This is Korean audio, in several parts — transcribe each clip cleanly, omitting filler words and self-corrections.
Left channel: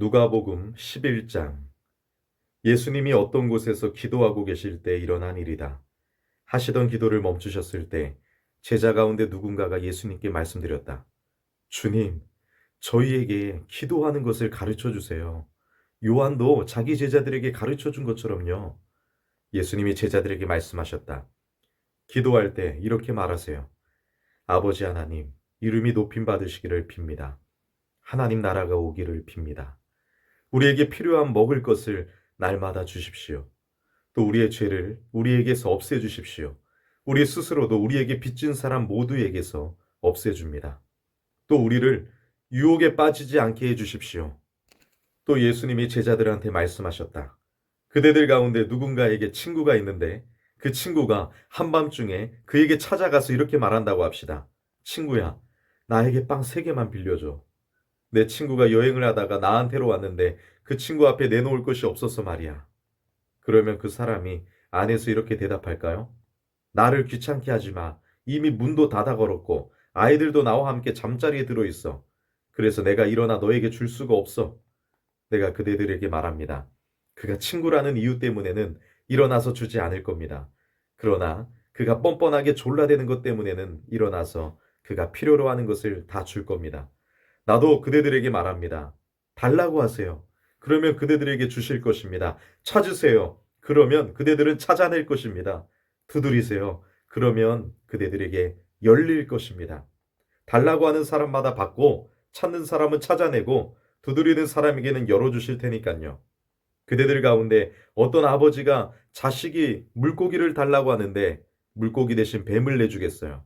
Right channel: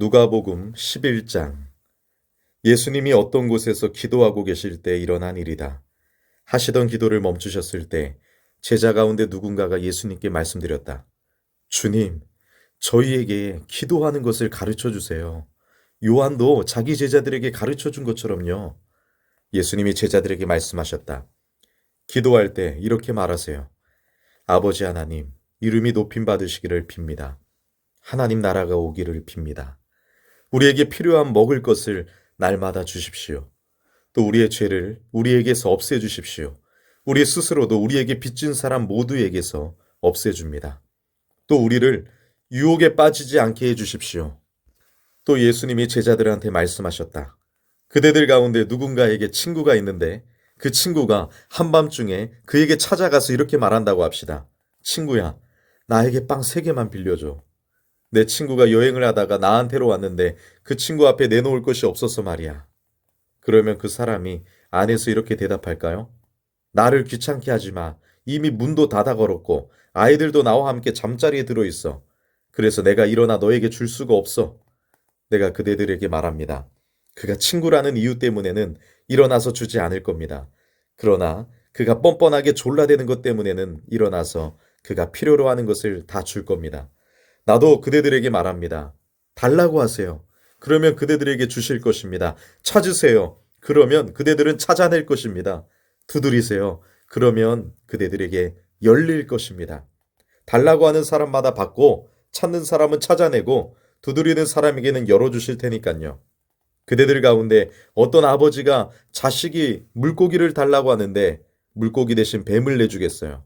누가복음 11장. 예수님이 어떤 곳에서 기도하고 계실 때 일어난 일이다. 하시던 기도를 멈추셨을 때 제자 가운데 누군가가 예수님께 말씀드렸다. 주님, 저희에게 기도하는 것을 가르쳐 주세요. 요한도 자기 제자들에게 가르쳐 준 것처럼요. 예수님이 제자들에게 말씀하셨다. 기도할 때 이렇게 말하세요. 아버지 하나님, 이름이 높임 받으시기를 빕니다. 하나님 나라가 오기를 빕니다. 우리에게 필요한 먹을 것을 날마다 주십시오. 또 우리의 죄를 우리에게서 없애주십시오. 우리 스스로도 우리에게 빚진 사람 모두에게서 없애줍니다. 또 우리를 유혹에 빠지지 않게 해주십시오. 또 예수님이 제자들한테 말씀하셨다. 그대들 가운데 누군가에게 친구가 있는데 그 친구가 한밤중에 그에게 찾아가서 이렇게 말한다고 합시다. 친구야, 나에게 빵 3개만 빌려줘. 내 친구가 여행을 하다가 나한테로 왔는데 그 친구 앞에 내놓을 것이 없어서 말이야. 그러면 그 사람이 안에서 이렇게 대답할까요? 나를 귀찮게 하지 마. 이미 문도 닫아 걸었고 아이들도 나와 함께 잠자리에 들어 있어. 그래서 내가 일어나 너에게 줄 수가 없어. 내가 그대들에게 말합니다. 그가 친구라는 이유 때문에는 일어나서 주지 않을 겁니다. 그러나 그가 뻔뻔하게 졸라대는 것 때문에는 일어나서 그가 필요로 하는 것을 다 줄 겁니다. 나도 그대들에게 말합니다. 달라고 하세요. 그러면 그대들에게 주실 것입니다. 찾으세요. 그러면 그대들은 찾아낼 것입니다. 두드리세요. 그러면 그대들에게 열릴 것입니다. 달라고 하는 사람마다 받고 찾는 사람은 찾아내고 두드리는 사람에게는 열어주실 테니까요. 그대들 가운데 어떤 아버지가 자식이 물고기를 달라고 하는데 물고기 대신 뱀을 내주겠어요.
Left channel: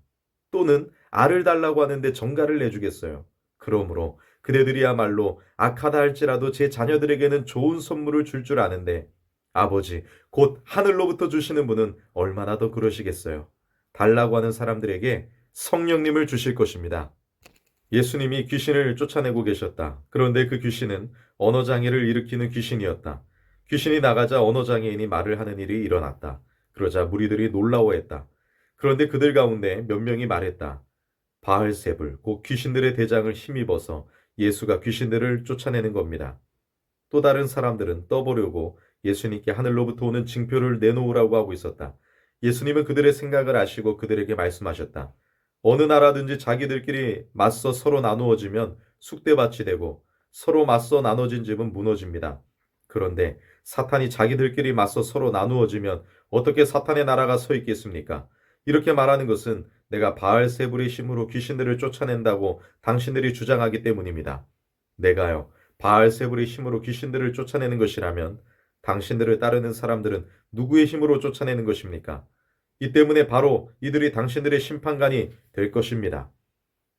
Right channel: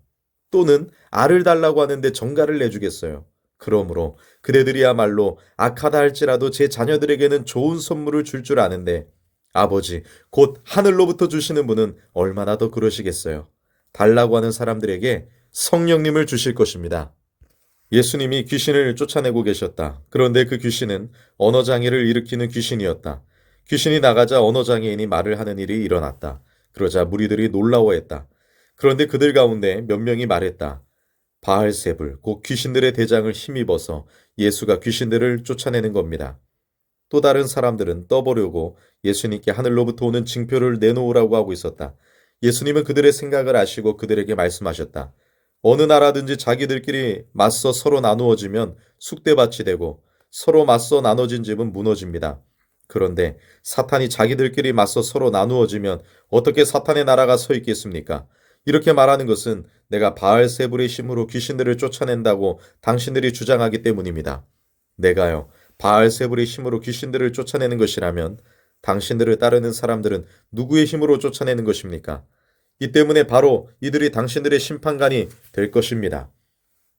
또는 알을 달라고 하는데 정갈을 내주겠어요. 그러므로 그대들이야말로 악하다 할지라도 제 자녀들에게는 좋은 선물을 줄 줄 아는데 아버지 곧 하늘로부터 주시는 분은 얼마나 더 그러시겠어요. 달라고 하는 사람들에게 성령님을 주실 것입니다. 예수님이 귀신을 쫓아내고 계셨다. 그런데 그 귀신은 언어장애를 일으키는 귀신이었다. 귀신이 나가자 언어장애인이 말을 하는 일이 일어났다. 그러자 무리들이 놀라워했다. 그런데 그들 가운데 몇 명이 말했다. 바알세불, 곧 귀신들의 대장을 힘입어서 예수가 귀신들을 쫓아내는 겁니다. 또 다른 사람들은 떠보려고 예수님께 하늘로부터 오는 징표를 내놓으라고 하고 있었다. 예수님은 그들의 생각을 아시고 그들에게 말씀하셨다. 어느 나라든지 자기들끼리 맞서 서로 나누어지면 쑥대밭이 되고 서로 맞서 나눠진 집은 무너집니다. 그런데 사탄이 자기들끼리 맞서 서로 나누어지면 어떻게 사탄의 나라가 서 있겠습니까? 이렇게 말하는 것은 내가 바알세불의 힘으로 귀신들을 쫓아낸다고 당신들이 주장하기 때문입니다. 내가요, 바알세불의 힘으로 귀신들을 쫓아내는 것이라면 당신들을 따르는 사람들은 누구의 힘으로 쫓아내는 것입니까? 이 때문에 바로 이들이 당신들의 심판관이 될 것입니다.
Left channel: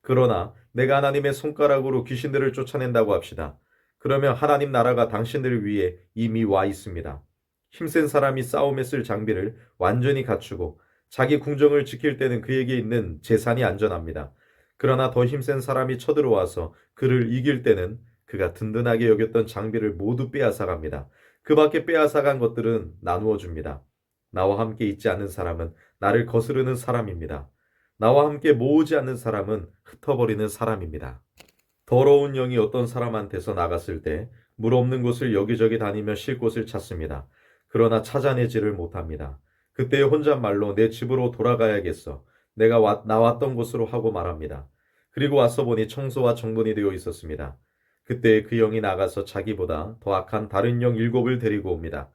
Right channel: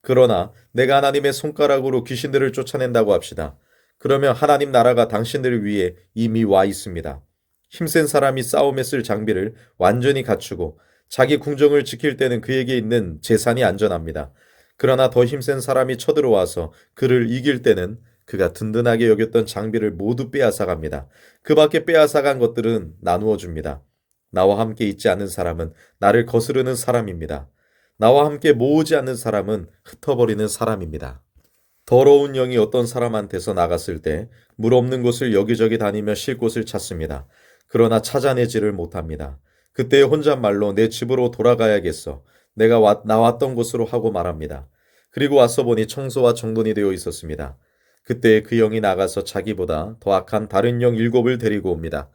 그러나 내가 하나님의 손가락으로 귀신들을 쫓아낸다고 합시다. 그러면 하나님 나라가 당신들을 위해 이미 와 있습니다. 힘센 사람이 싸움에 쓸 장비를 완전히 갖추고 자기 궁정을 지킬 때는 그에게 있는 재산이 안전합니다. 그러나 더 힘센 사람이 쳐들어와서 그를 이길 때는 그가 든든하게 여겼던 장비를 모두 빼앗아갑니다. 그 밖에 빼앗아간 것들은 나누어 줍니다. 나와 함께 있지 않는 사람은 나를 거스르는 사람입니다. 나와 함께 모으지 않는 사람은 흩어버리는 사람입니다. 더러운 영이 어떤 사람한테서 나갔을 때 물 없는 곳을 여기저기 다니며 쉴 곳을 찾습니다. 그러나 찾아내지를 못합니다. 그때 혼잣말로 내 집으로 돌아가야겠어. 내가 나왔던 곳으로 하고 말합니다. 그리고 와서 보니 청소와 정돈이 되어 있었습니다. 그때 그 영이 나가서 자기보다 더 악한 다른 영 7을 데리고 옵니다.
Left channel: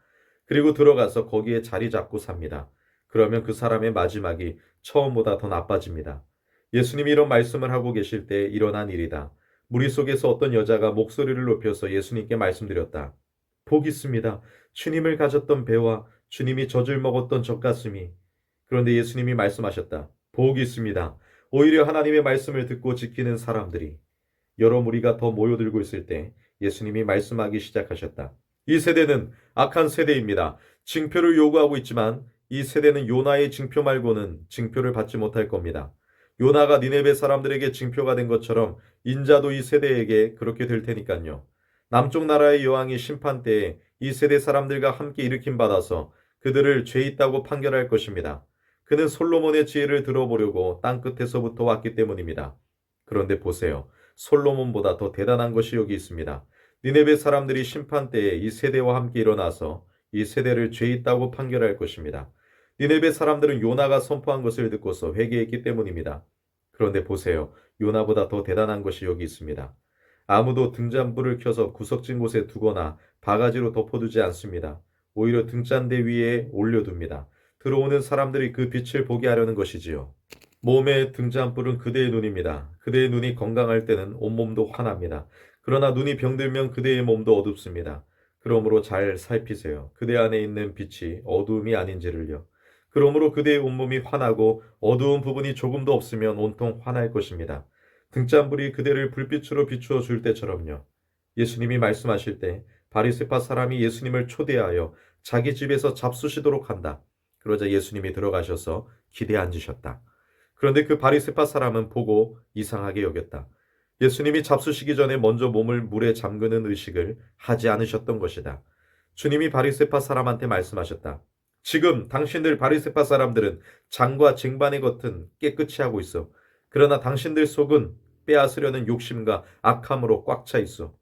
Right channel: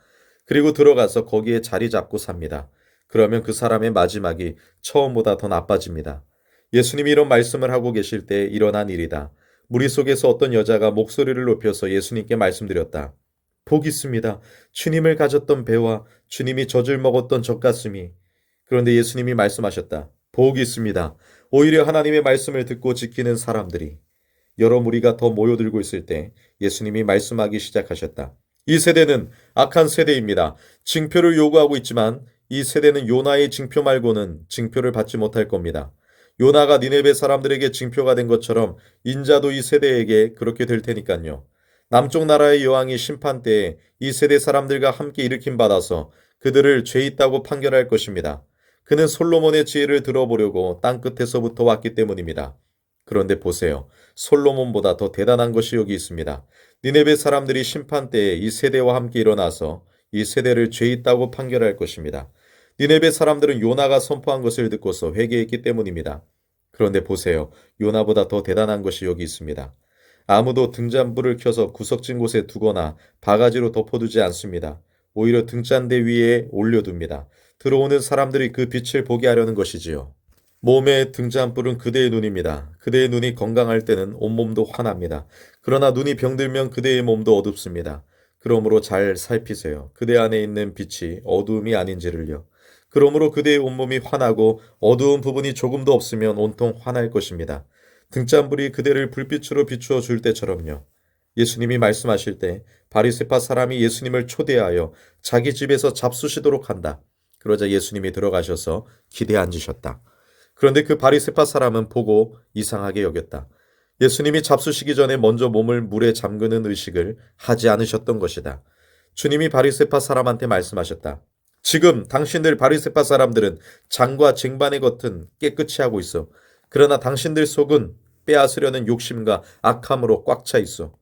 그리고 들어가서 거기에 자리 잡고 삽니다. 그러면 그 사람의 마지막이 처음보다 더 나빠집니다. 예수님이 이런 말씀을 하고 계실 때 일어난 일이다. 무리 속에서 어떤 여자가 목소리를 높여서 예수님께 말씀드렸다. 복 있습니다. 주님을 가졌던 배와 주님이 젖을 먹었던 젖가슴이. 그런데 예수님이 말씀하셨다. 복 있습니다. 오히려 하나님의 말씀을 듣고 지키는 사람들이. 여러 무리가 더 모여들고 있을 때 예수님이 말씀하기 시작하셨다. 이 세대는 악한 세대입니다. 징표를 요구하고 있지만 이 세대는 요나의 징표 말고는 징표를 받지 못할 겁니다. 요나가 니네베 사람들에게 징표가 된 것처럼 인자도 이 세대에게 그렇게 될 테니까요. 남쪽 나라의 여왕이 심판 때에 이 세대 사람들과 함께 일으킴 받아서 그들을 죄 있다고 판결할 것입니다. 그는 솔로몬의 지혜를 들어보려고 땅 끝에서부터 왔기 때문입니다. 그런데 보세요. 솔로몬보다 더 대단한 것이 여기 있습니다. 니네베 사람들이 심판 때에 이 세대와 함께 일어나서 이 세대를 죄 있다고 판결할 것입니다. 니네베 사람들은 요나가 선포한 것을 듣고서 회개했기 때문입니다. 그런데 보세요. 요나보다 더 대단한 것이 여기 있습니다. 아무도 등잔불을 켜서 구석진 곳에 두거나 바가지로 덮어두지 않습니다. 오히려 등잔대 위에 올려둡니다. 들어오는 사람들이 그 빛을 보게 하려는 것이지요. 몸의 등잔불은 그대의 눈입니다. 그대의 눈이 건강할 때는 온몸도 환합니다. 그러나 눈이 병들면 그대의 몸도 어둡습니다. 그러므로 잘 살피세요. 그대 안에 있는 빛이 어두움이 아닌지를요. 그러므로 그대의 온몸이 환하고 어두운 부분이 조금도 없으면 온통 환할 것입니다. 등잔불이 그대를 불빛으로 비추어 줄 때처럼요. 예수님이 말씀하실 때 바리새파 사람이 예수님을 초대하여 자기 집에서 잡수시도록 한다. 그러자 예수님이 들어가셔서 기대에 앉으셨다. 그런데 그 바리새파 사람은 보고 이상하게 여겼다. 예수님이 잡수시기 전에 먼저 몸을 물에 잠그는 의식을 하지 않으셨던 것이다. 주님이 바리새파 사람한테 말씀하셨다. 지금 당신들 바리새파 사람들은 장과 쟁반의 겉은 깨끗이 하고 있어. 그러나 당신들 속은 빼앗으려는 욕심과 악함으로 꽉 차 있어.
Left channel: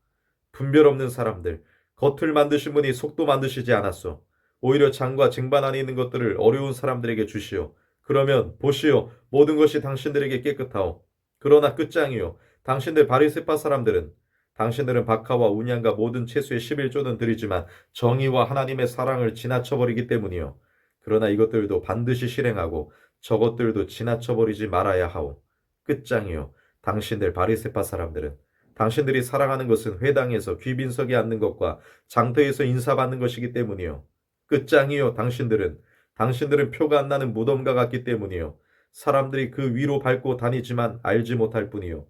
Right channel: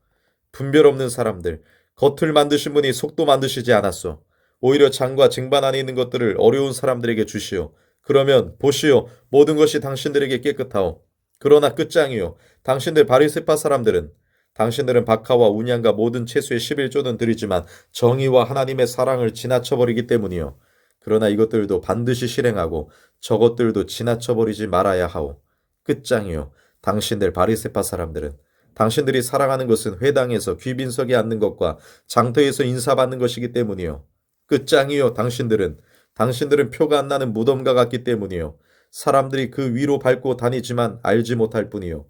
분별 없는 사람들, 겉을 만드신 분이 속도 만드시지 않았어. 오히려 장과 쟁반 안에 있는 것들을 어려운 사람들에게 주시오. 그러면 보시오, 모든 것이 당신들에게 깨끗하오. 그러나 끝장이요. 당신들 바리새파 사람들은 당신들은 박하와 운양과 모든 채소의 11조는 드리지만 정의와 하나님의 사랑을 지나쳐버리기 때문이요. 그러나 이것들도 반드시 실행하고 저것들도 지나쳐버리지 말아야 하오. 끝장이요. 당신들 바리새파 사람들은 당신들이 사랑하는 것은 회당에서 귀빈석에 앉는 것과 장터에서 인사받는 것이기 때문이요. 끝장이요. 당신들은 표가 안 나는 무덤과 같기 때문이요. 사람들이 그 위로 밟고 다니지만 알지 못할 뿐이요.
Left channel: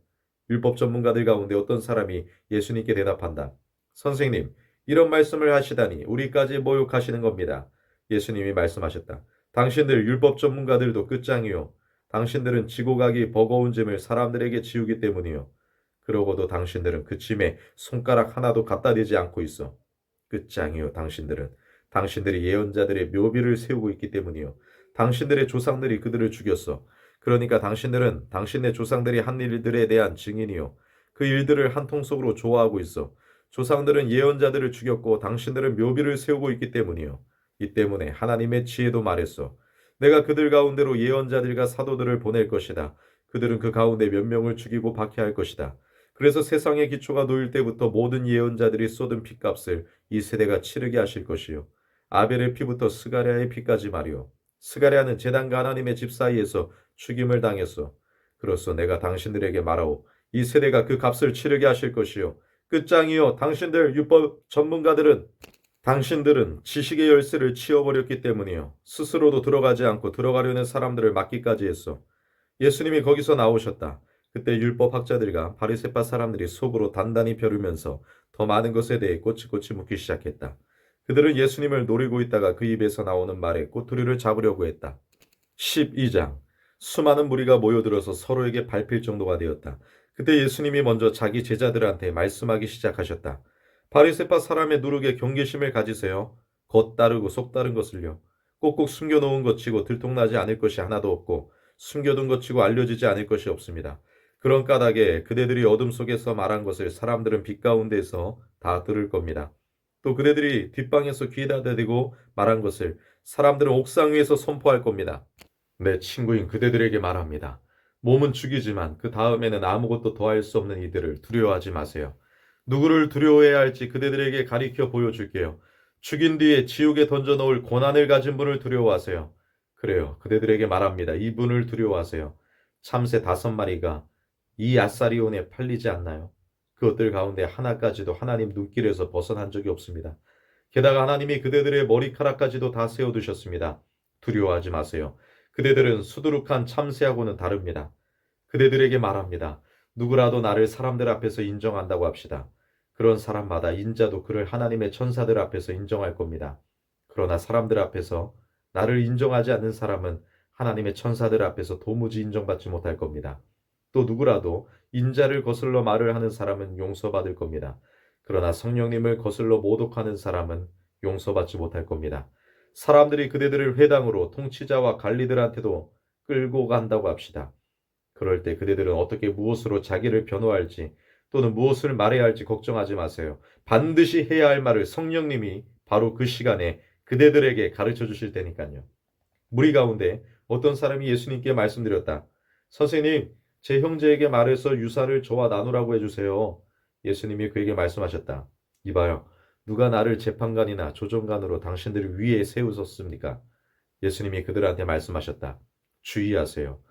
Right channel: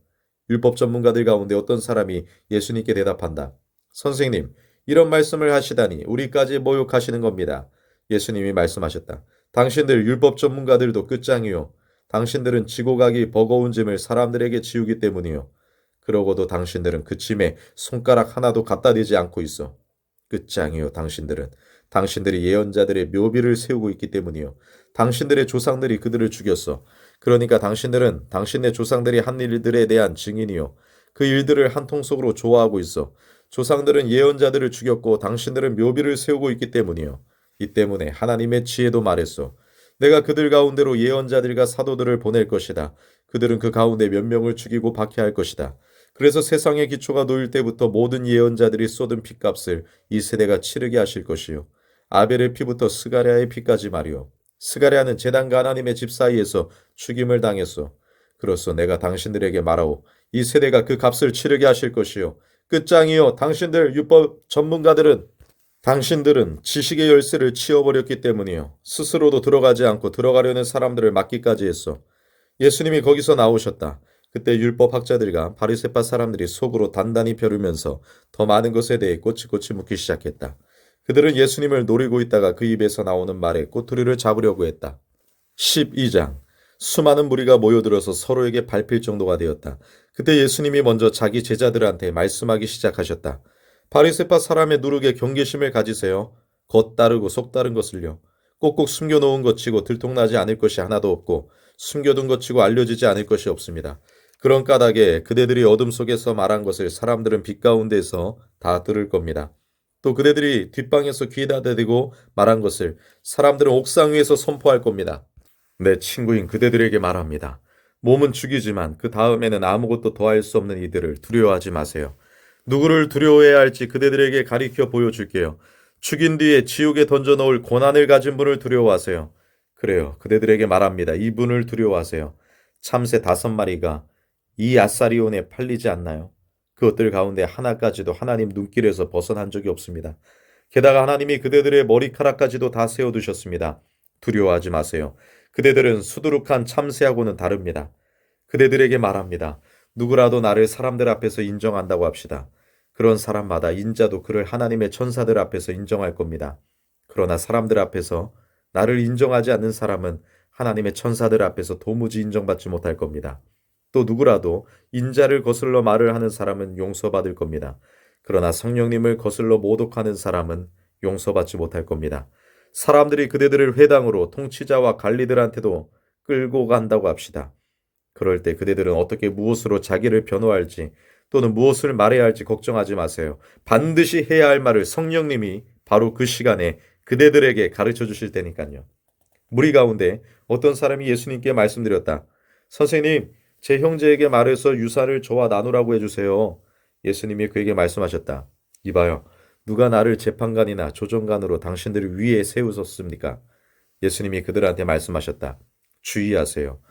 율법 전문가들 가운데 어떤 사람이 예수님께 대답한다. 선생님, 이런 말씀을 하시다니 우리까지 모욕하시는 겁니다. 예수님이 말씀하셨다. 당신들 율법 전문가들도 끝장이요. 당신들은 지고 가기 버거운 짐을 사람들에게 지우기 때문이요. 그러고도 당신들은 그 짐에 손가락 하나도 갖다 대지 않고 있어. 끝장이요. 당신들이 예언자들의 묘비를 세우고 있기 때문이요. 당신들의 조상들이 그들을 죽였어. 그러니까 당신들은 당신의 조상들이 한 일들에 대한 증인이요. 그 일들을 한 통속으로 좋아하고 있어. 조상들은 예언자들을 죽였고 당신들은 묘비를 세우고 있기 때문이요. 이 때문에 하나님의 지혜도 말했어. 내가 그들 가운데로 예언자들과 사도들을 보낼 것이다. 그들은 그 가운데 몇 명을 죽이고 박해할 것이다. 그래서 세상의 기초가 놓일 때부터 모든 예언자들이 쏟은 피값을 이 세대가 치르게 하실 것이요. 아벨의 피부터 스가랴의 피까지 말이요. 스가랴는 제단과 하나님의 집 사이에서 죽임을 당했소. 그로써 내가 당신들에게 말하오. 이 세대가 그 값을 치르게 하실 것이요. 끝장이요. 당신들 율법 전문가들은 당신들은 지식의 열쇠를 치워버렸기 때문이요. 스스로도 들어가지 않고 들어가려는 사람들을 막기까지 했어. 예수님이 거기서 나오셨다. 그때 율법학자들과 바리새파 사람들이 속으로 단단히 벼르면서 더 많은 것에 대해 꼬치꼬치 묻기 시작했다. 그들은 예수님을 노리고 있다가 그 입에서 나오는 말에 꼬투리를 잡으려고 했다. 12장. 수많은 무리가 모여들어서 서로에게 밟힐 정도가 되었다. 그때 예수님이 먼저 자기 제자들한테 말씀하기 시작하셨다. 바리새파 사람의 누룩에 경계심을 가지세요. 겉 따르고 속 따른 것을요. 꼭꼭 숨겨놓은 것 치고 들통나지 않을 것이 하나도 없고 숨겨둔 것 치고 알려지지 않을 것이 없습니다. 그런 까닭에 그대들이 어둠 속에서 말한 것을 사람들은 빛 가운데서 다 들을 겁니다. 또 그대들이 뒷방에서 귀에다 대고 말한 것을 사람들은 옥상 위에서 선포할 겁니다. 내 친구인 그대들에게 말합니다. 몸은 죽이지만 그 다음에는 아무것도 더할 수 없는 이들을 두려워하지 마세요. 누구를 두려워해야 할지 그대들에게 가리켜 보여줄게요. 죽인 뒤에 지옥에 던져놓을 고난을 가진 분을 두려워하세요. 그래요. 그대들에게 말합니다. 이분을 두려워하세요. 참새 5마리가 이 아사리온에 팔리지 않나요? 그것들 가운데 하나까지도 하나님 눈길에서 벗어난 적이 없습니다. 게다가 하나님이 그대들의 머리카락까지도 다 세워두셨습니다. 두려워하지 마세요. 그대들은 수두룩한 참새하고는 다릅니다. 그대들에게 말합니다. 누구라도 나를 사람들 앞에서 인정한다고 합시다. 그런 사람마다 인자도 그를 하나님의 천사들 앞에서 인정할 겁니다. 그러나 사람들 앞에서 나를 인정하지 않는 사람은 하나님의 천사들 앞에서 도무지 인정받지 못할 겁니다. 또 누구라도 인자를 거슬러 말을 하는 사람은 용서받을 겁니다. 그러나 성령님을 거슬러 모독하는 사람은 용서받지 못할 겁니다. 사람들이 그대들을 회당으로 통치자와 관리들한테도 끌고 간다고 합시다. 그럴 때 그대들은 어떻게 무엇으로 자기를 변호할지 또는 무엇을 말해야 할지 걱정하지 마세요. 반드시 해야 할 말을 성령님이 바로 그 시간에 그대들에게 가르쳐 주실 테니까요. 무리 가운데 어떤 사람이 예수님께 말씀드렸다. 선생님, 제 형제에게 말해서 유산을 저와 나누라고 해주세요. 예수님이 그에게 말씀하셨다. 이봐요. 누가 나를 재판관이나 조정관으로 당신들을 위에 세우셨습니까? 예수님이 그들한테 말씀하셨다. 주의하세요.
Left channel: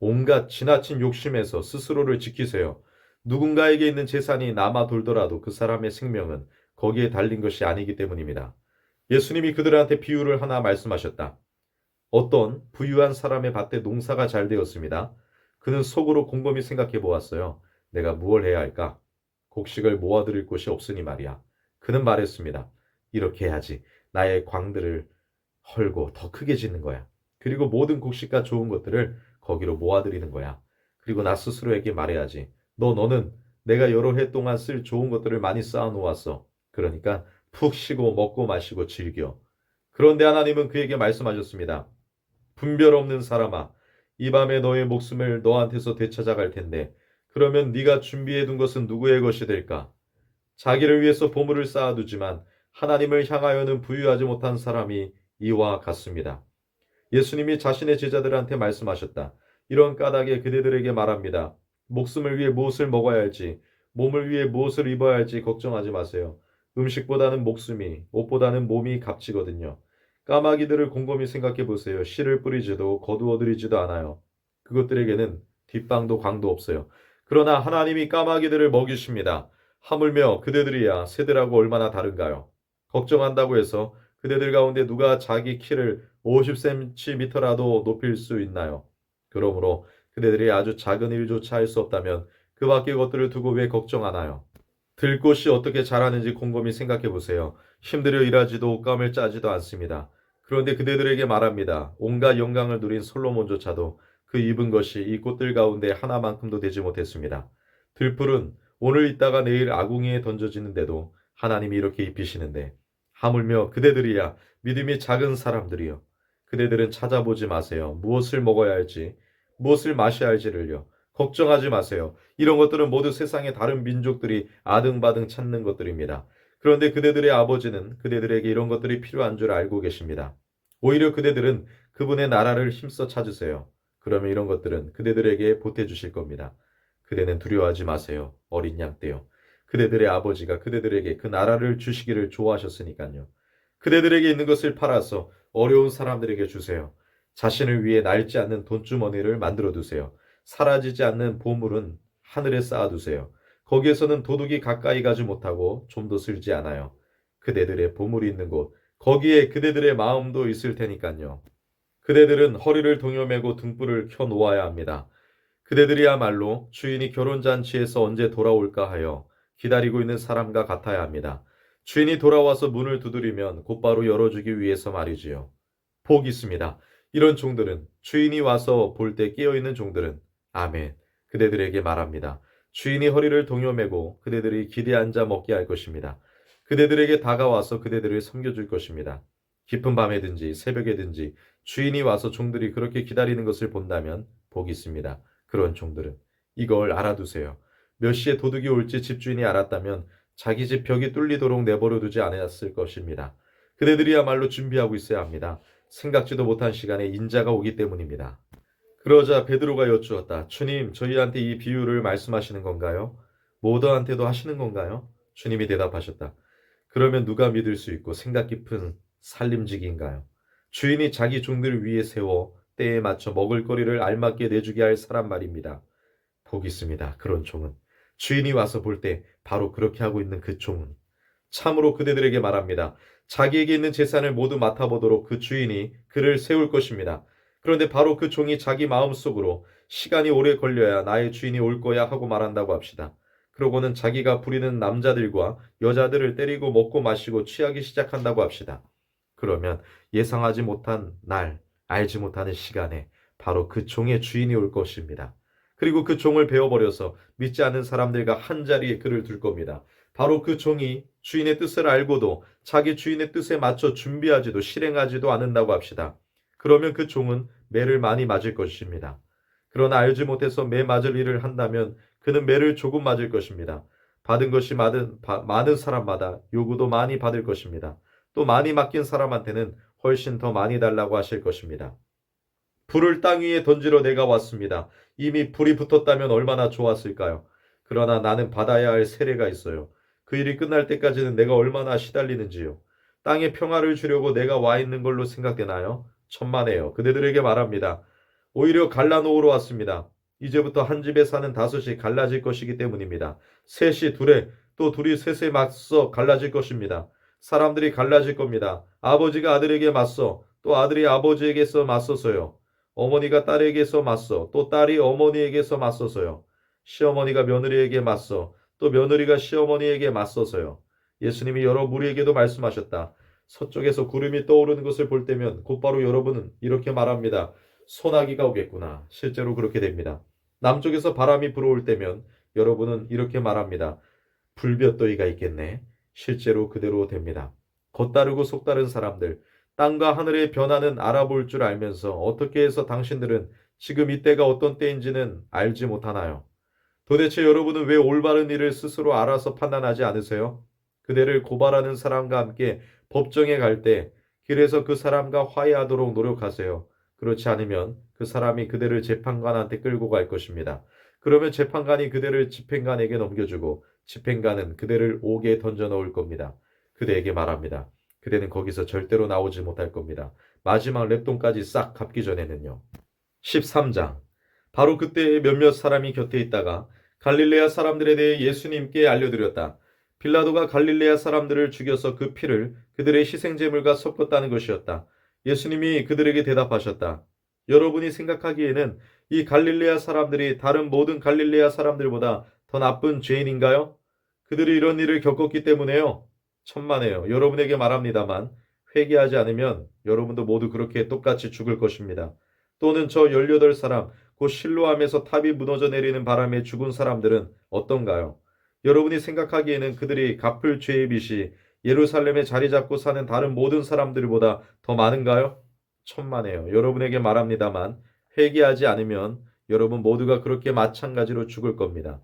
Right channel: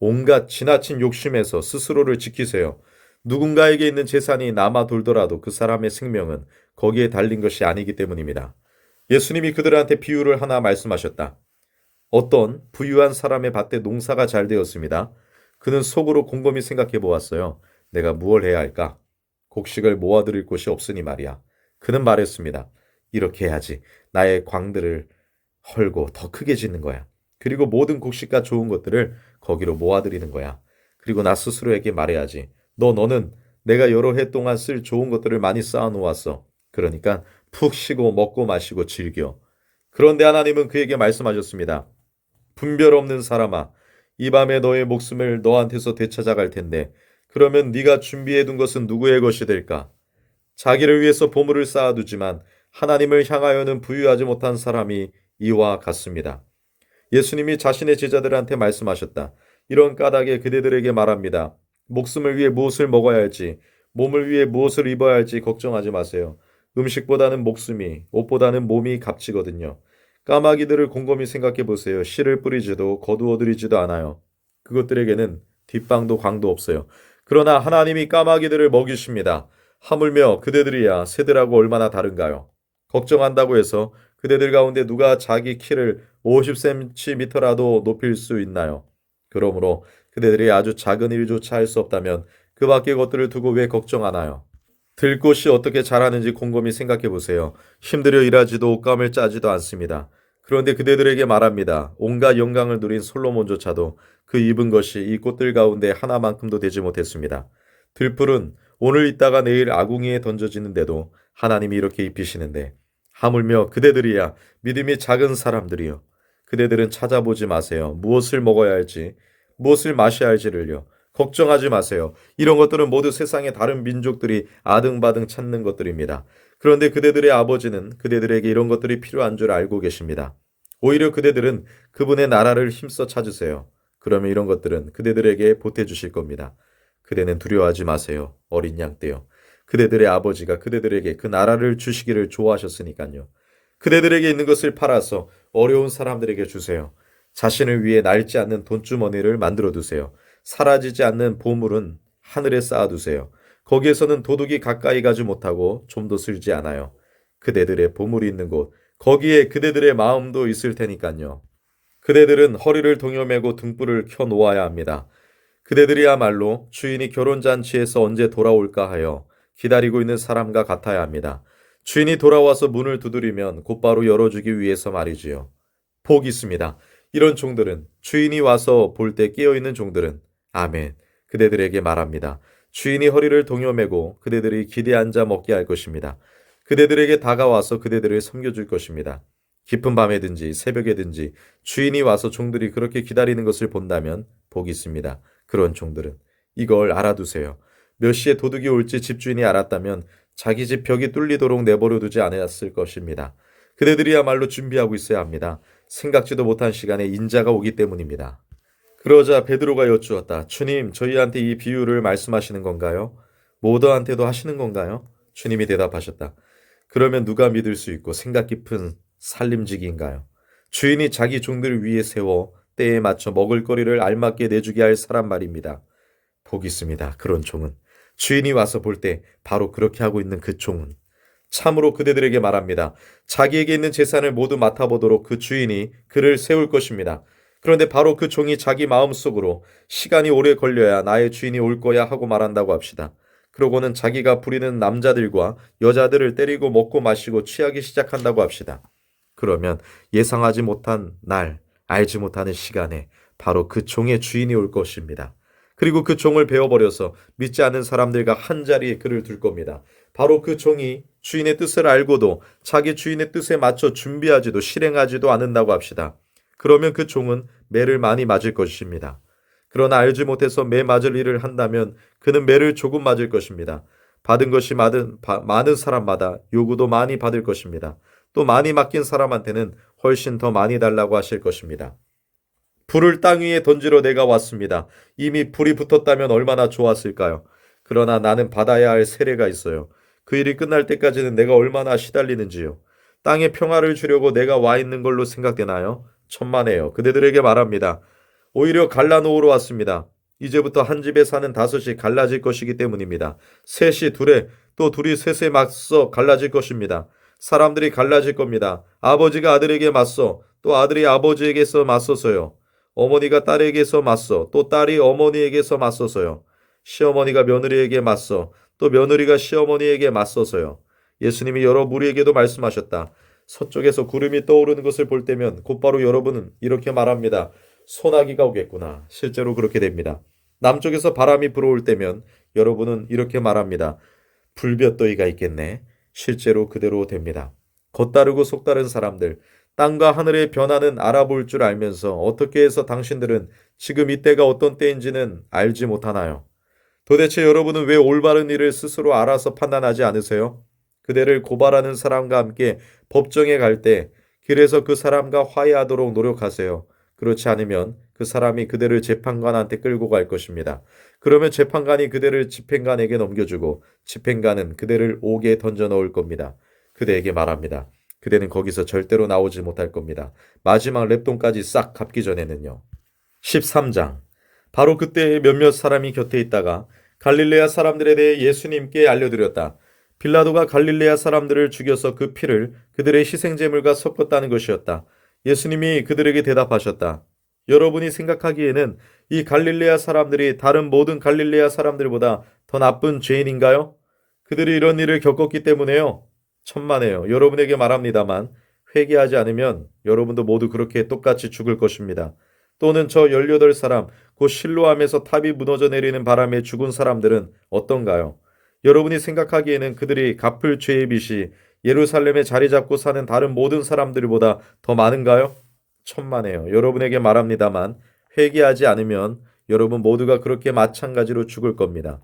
온갖 지나친 욕심에서 스스로를 지키세요. 누군가에게 있는 재산이 남아 돌더라도 그 사람의 생명은 거기에 달린 것이 아니기 때문입니다. 예수님이 그들한테 비유를 하나 말씀하셨다. 어떤 부유한 사람의 밭에 농사가 잘 되었습니다. 그는 속으로 곰곰이 생각해 보았어요. 내가 무엇을 해야 할까? 곡식을 모아드릴 곳이 없으니 말이야. 그는 말했습니다. 이렇게 해야지. 나의 광들을 헐고 더 크게 짓는 거야. 그리고 모든 곡식과 좋은 것들을 거기로 모아드리는 거야. 그리고 나 스스로에게 말해야지. 너는 내가 여러 해 동안 쓸 좋은 것들을 많이 쌓아 놓았어. 그러니까 푹 쉬고 먹고 마시고 즐겨. 그런데 하나님은 그에게 말씀하셨습니다. 분별 없는 사람아, 이 밤에 너의 목숨을 너한테서 되찾아갈 텐데, 그러면 네가 준비해 둔 것은 누구의 것이 될까? 자기를 위해서 보물을 쌓아두지만 하나님을 향하여는 부유하지 못한 사람이 이와 같습니다. 예수님이 자신의 제자들한테 말씀하셨다. 이런 까닭에 그대들에게 말합니다. 목숨을 위해 무엇을 먹어야 할지, 몸을 위해 무엇을 입어야 할지 걱정하지 마세요. 음식보다는 목숨이, 옷보다는 몸이 값지거든요. 까마귀들을 곰곰이 생각해 보세요. 씨를 뿌리지도 거두어들이지도 않아요. 그것들에게는 뒷방도 광도 없어요. 그러나 하나님이 까마귀들을 먹이십니다. 하물며 그대들이야 새들하고 얼마나 다른가요? 걱정한다고 해서 그대들 가운데 누가 자기 키를 50cm라도 높일 수 있나요? 그러므로 그대들이 아주 작은 일조차 할 수 없다면 그 밖의 것들을 두고 왜 걱정하나요? 들꽃이 어떻게 자라는지 곰곰이 생각해 보세요. 힘들여 일하지도 옷감을 짜지도 않습니다. 그런데 그대들에게 말합니다. 온갖 영광을 누린 솔로몬조차도 그 입은 것이 이 꽃들 가운데 하나만큼도 되지 못했습니다. 들풀은 오늘 있다가 내일 아궁이에 던져지는데도 하나님이 이렇게 입히시는데 하물며 그대들이야 믿음이 작은 사람들이요. 그대들은 찾아보지 마세요. 무엇을 먹어야 할지, 무엇을 마셔야 할지를요. 걱정하지 마세요. 이런 것들은 모두 세상의 다른 민족들이 아등바등 찾는 것들입니다. 그런데 그대들의 아버지는 그대들에게 이런 것들이 필요한 줄 알고 계십니다. 오히려 그대들은 그분의 나라를 힘써 찾으세요. 그러면 이런 것들은 그대들에게 보태주실 겁니다. 그대는 두려워하지 마세요. 어린 양 떼요. 그대들의 아버지가 그대들에게 그 나라를 주시기를 좋아하셨으니까요. 그대들에게 있는 것을 팔아서 어려운 사람들에게 주세요. 자신을 위해 낡지 않는 돈주머니를 만들어 두세요. 사라지지 않는 보물은 하늘에 쌓아두세요. 거기에서는 도둑이 가까이 가지 못하고 좀도 쓸지 않아요. 그대들의 보물이 있는 곳, 거기에 그대들의 마음도 있을 테니까요. 그대들은 허리를 동여매고 등불을 켜 놓아야 합니다. 그대들이야말로 주인이 결혼잔치에서 언제 돌아올까 하여 기다리고 있는 사람과 같아야 합니다. 주인이 돌아와서 문을 두드리면 곧바로 열어주기 위해서 말이지요. 복 있습니다. 이런 종들은 주인이 와서 볼 때 깨어있는 종들은 아멘. 그대들에게 말합니다. 주인이 허리를 동여매고 그대들이 기대 앉아 먹게 할 것입니다. 그대들에게 다가와서 그대들을 섬겨줄 것입니다. 깊은 밤에든지 새벽에든지 주인이 와서 종들이 그렇게 기다리는 것을 본다면 복이 있습니다. 그런 종들은 이걸 알아두세요. 몇 시에 도둑이 올지 집주인이 알았다면 자기 집 벽이 뚫리도록 내버려 두지 않았을 것입니다. 그대들이야말로 준비하고 있어야 합니다. 생각지도 못한 시간에 인자가 오기 때문입니다. 그러자 베드로가 여쭈었다. 주님, 저희한테 이 비유를 말씀하시는 건가요? 모더한테도 하시는 건가요? 주님이 대답하셨다. 그러면 누가 믿을 수 있고 생각 깊은 살림직인가요? 주인이 자기 종들을 위해 세워 때에 맞춰 먹을거리를 알맞게 내주게 할 사람 말입니다. 복 있습니다. 그런 종은. 주인이 와서 볼 때 바로 그렇게 하고 있는 그 종은. 참으로 그대들에게 말합니다. 자기에게 있는 재산을 모두 맡아보도록 그 주인이 그를 세울 것입니다. 그런데 바로 그 종이 자기 마음속으로 시간이 오래 걸려야 나의 주인이 올 거야 하고 말한다고 합시다. 그러고는 자기가 부리는 남자들과 여자들을 때리고 먹고 마시고 취하기 시작한다고 합시다. 그러면 예상하지 못한 날, 알지 못하는 시간에 바로 그 종의 주인이 올 것입니다. 그리고 그 종을 베어버려서 믿지 않는 사람들과 한자리에 그를 둘 겁니다. 바로 그 종이 주인의 뜻을 알고도 자기 주인의 뜻에 맞춰 준비하지도 실행하지도 않는다고 합시다. 그러면 그 종은 매를 많이 맞을 것입니다. 그러나 알지 못해서 매 맞을 일을 한다면 그는 매를 조금 맞을 것입니다. 받은 것이 많은 사람마다 요구도 많이 받을 것입니다. 또 많이 맡긴 사람한테는 훨씬 더 많이 달라고 하실 것입니다. 불을 땅 위에 던지러 내가 왔습니다. 이미 불이 붙었다면 얼마나 좋았을까요? 그러나 나는 받아야 할 세례가 있어요. 그 일이 끝날 때까지는 내가 얼마나 시달리는지요. 땅에 평화를 주려고 내가 와 있는 걸로 생각되나요? 천만에요. 그대들에게 말합니다. 오히려 갈라놓으러 왔습니다. 이제부터 한 집에 사는 다섯이 갈라질 것이기 때문입니다. 셋이 둘에 또 둘이 셋에 맞서 갈라질 것입니다. 사람들이 갈라질 겁니다. 아버지가 아들에게 맞서 또 아들이 아버지에게서 맞서서요. 어머니가 딸에게서 맞서 또 딸이 어머니에게서 맞서서요. 시어머니가 며느리에게 맞서 또 며느리가 시어머니에게 맞서서요. 예수님이 여러 무리에게도 말씀하셨다. 서쪽에서 구름이 떠오르는 것을 볼 때면 곧바로 여러분은 이렇게 말합니다. 소나기가 오겠구나. 실제로 그렇게 됩니다. 남쪽에서 바람이 불어올 때면 여러분은 이렇게 말합니다. 불볕더위가 있겠네. 실제로 그대로 됩니다. 겉다르고 속다른 사람들, 땅과 하늘의 변화는 알아볼 줄 알면서 어떻게 해서 당신들은 지금 이때가 어떤 때인지는 알지 못하나요? 도대체 여러분은 왜 올바른 일을 스스로 알아서 판단하지 않으세요? 그대를 고발하는 사람과 함께 법정에 갈 때 길에서 그 사람과 화해하도록 노력하세요. 그렇지 않으면 그 사람이 그대를 재판관한테 끌고 갈 것입니다. 그러면 재판관이 그대를 집행관에게 넘겨주고 집행관은 그대를 옥에 던져 넣을 겁니다. 그대에게 말합니다. 그대는 거기서 절대로 나오지 못할 겁니다. 마지막 랩돈까지 싹 갚기 전에는요. 13장. 바로 그때 몇몇 사람이 곁에 있다가 갈릴레아 사람들에 대해 예수님께 알려드렸다. 빌라도가 갈릴레아 사람들을 죽여서 그 피를 그들의 희생제물과 섞었다는 것이었다. 예수님이 그들에게 대답하셨다. 여러분이 생각하기에는 이 갈릴레아 사람들이 다른 모든 갈릴레아 사람들보다 더 나쁜 죄인인가요? 그들이 이런 일을 겪었기 때문에요. 천만에요. 여러분에게 말합니다만 회개하지 않으면 여러분도 모두 그렇게 똑같이 죽을 것입니다. 또는 저 18사람, 곧 실로암에서 탑이 무너져 내리는 바람에 죽은 사람들은 어떤가요? 여러분이 생각하기에는 그들이 갚을 죄의 빚이 예루살렘에 자리 잡고 사는 다른 모든 사람들보다 더 많은가요? 천만에요. 여러분에게 말합니다만 회개하지 않으면 여러분 모두가 그렇게 마찬가지로 죽을 겁니다.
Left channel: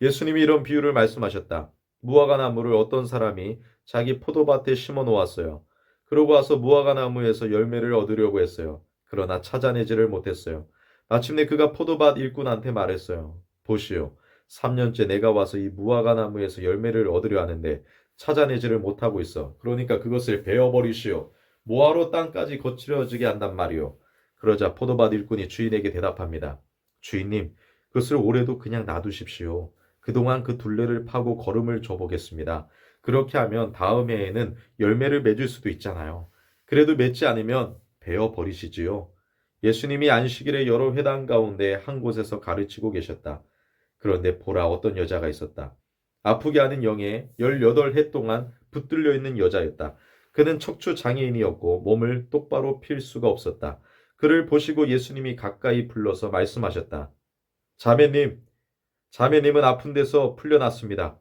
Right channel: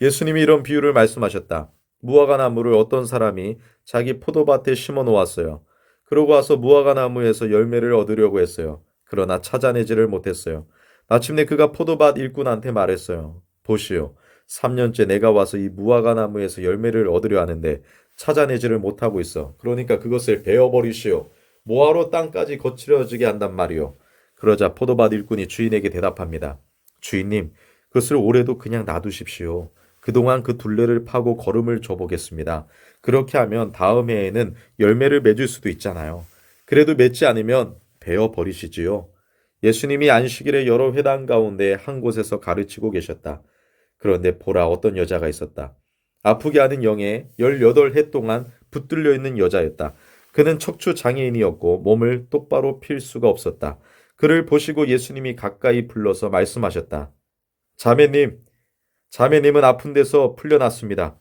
예수님이 이런 비유를 말씀하셨다. 무화과 나무를 어떤 사람이 자기 포도밭에 심어 놓았어요. 그러고 와서 무화과 나무에서 열매를 얻으려고 했어요. 그러나 찾아내지를 못했어요. 마침내 그가 포도밭 일꾼한테 말했어요. 보시오. 3년째 내가 와서 이 무화과 나무에서 열매를 얻으려 하는데 찾아내지를 못하고 있어. 그러니까 그것을 베어버리시오. 뭐하러 땅까지 거칠어지게 한단 말이오. 그러자 포도밭 일꾼이 주인에게 대답합니다. 주인님, 그것을 올해도 그냥 놔두십시오. 그동안 그 둘레를 파고 걸음을 줘보겠습니다. 그렇게 하면 다음 해에는 열매를 맺을 수도 있잖아요. 그래도 맺지 않으면 베어 버리시지요. 예수님이 안식일에 여러 회당 가운데 한 곳에서 가르치고 계셨다. 그런데 보라 어떤 여자가 있었다. 아프게 하는 영에 18해 동안 붙들려 있는 여자였다. 그는 척추 장애인이었고 몸을 똑바로 필 수가 없었다. 그를 보시고 예수님이 가까이 불러서 말씀하셨다. 자매님, 자매님은 아픈 데서 풀려났습니다.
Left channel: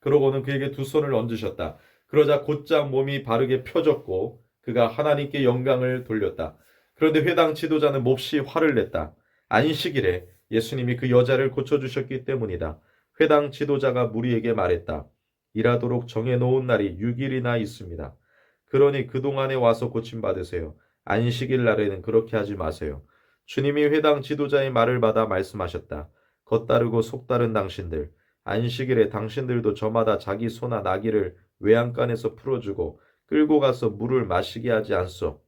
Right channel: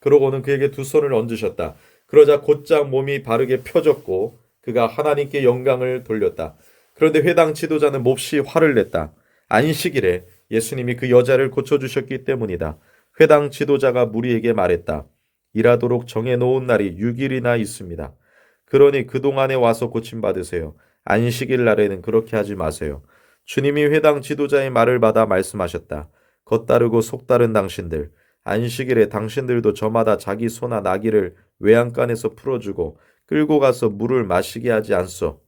그러고는 그에게 두 손을 얹으셨다. 그러자 곧장 몸이 바르게 펴졌고 그가 하나님께 영광을 돌렸다. 그런데 회당 지도자는 몹시 화를 냈다. 안식일에 예수님이 그 여자를 고쳐주셨기 때문이다. 회당 지도자가 무리에게 말했다. 일하도록 정해놓은 날이 6일이나 있습니다. 그러니 그동안에 와서 고침받으세요. 안식일 날에는 그렇게 하지 마세요. 주님이 회당 지도자의 말을 받아 말씀하셨다. 겉다르고 속다른 당신들, 안식일에 당신들도 저마다 자기 소나 나귀를 외양간에서 풀어주고 끌고 가서 물을 마시게 하지 않소.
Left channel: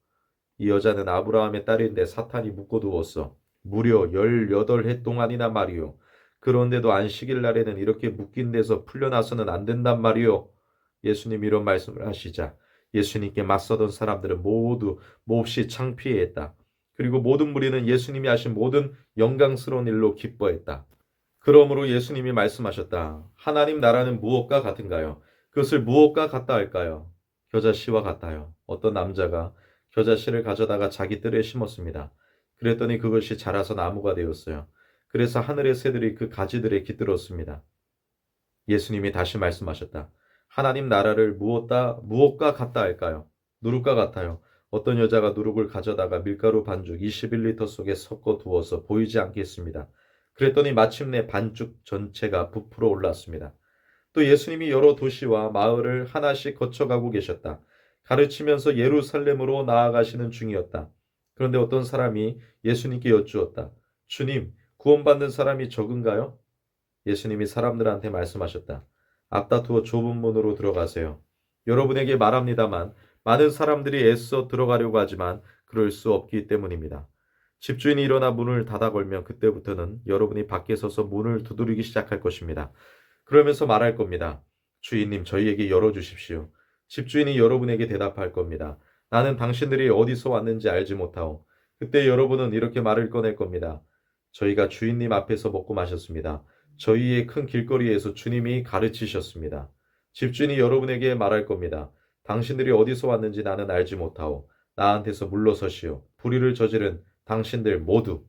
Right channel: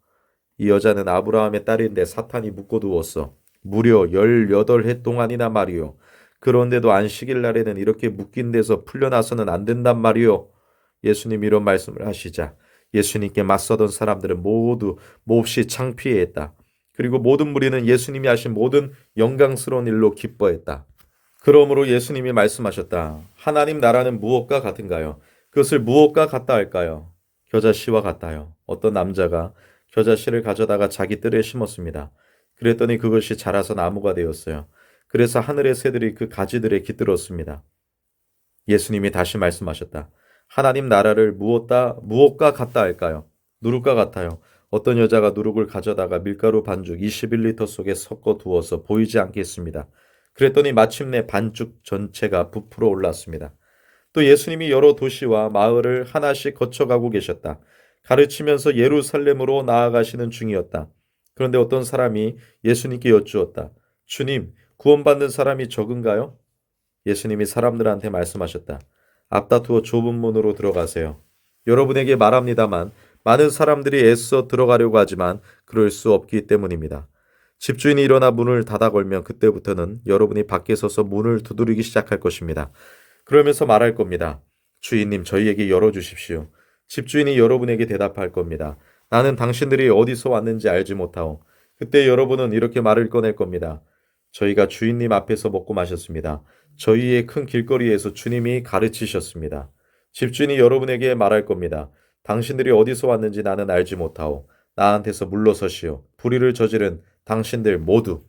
이 여자는 아브라함의 딸인데 사탄이 묶어두었어. 무려 18해 동안이나 말이요. 그런데도 안식일 날에는 이렇게 묶인 데서 풀려나서는 안 된단 말이요. 예수님이 이런 말씀을 하시자 예수님께 맞서던 사람들은 모두 몹시 창피해했다. 그리고 모든 무리는 예수님이 하신 모든 영광스러운 일로 기뻐했다. 그러므로 예수님이 말씀하셨다. 하나님 나라는 무엇과 같은가요? 그것을 무엇과 같다 할까요? 겨자씨와 같아요. 어떤 남자가 겨자씨를 가져다가 자기 뜰에 심었습니다. 그랬더니 그것이 자라서 나무가 되었어요. 그래서 하늘의 새들이 그 가지들에 깃들었습니다. 예수님이 다시 말씀하셨다. 하나님 나라를 무엇과 같다 할까요? 누룩과 같아요. 어떤 여자가 누룩을 가져다가 밀가루 반죽 21리터 속에 섞어 두어서 보이지 않게 했습니다. 그랬더니 마침내 반죽 전체가 부풀어 올랐습니다. 또 예수님이 여러 도시와 마을을 하나씩 거쳐가고 계셨다. 가르치면서 예루살렘으로 나아가시는 중이었다. 그런데 어떤 사람이 예수님께 여쭈었다. 주님, 구원받는 사람이 적은가요? 예수님이 사람들한테 말씀하셨다. 앞다투어 좁은 문으로 들어가세요. 여러분에게 말합니다만 많은 사람들이 애써 들어가려고 하지만 그럴 수 없기 때문입니다. 집주인이 일어나 문을 닫아 걸면 그때부터는 여러분이 밖에 서서 문을 두드리기 시작할 것입니다. 그러면서 말할 겁니다. 주인님, 저희에게 열어주십시오. 집주인이 여러분에게 대답할 겁니다. 나는 당신들이 어디서 왔는지 알지 못하오. 그때 여러분은 이렇게 말을 꺼낼 겁니다. 저희가 주인님 앞에서 먹고 마셨습니다. 저희의 큰 길거리에서 주님이 가르치셨습니다. 집주인이 여러분에게 말할 겁니다. 당신들이 어디서 왔는지 나는 알지 못하오. 나한테서 물러서시오. 불의를 저지른 당신들 모두.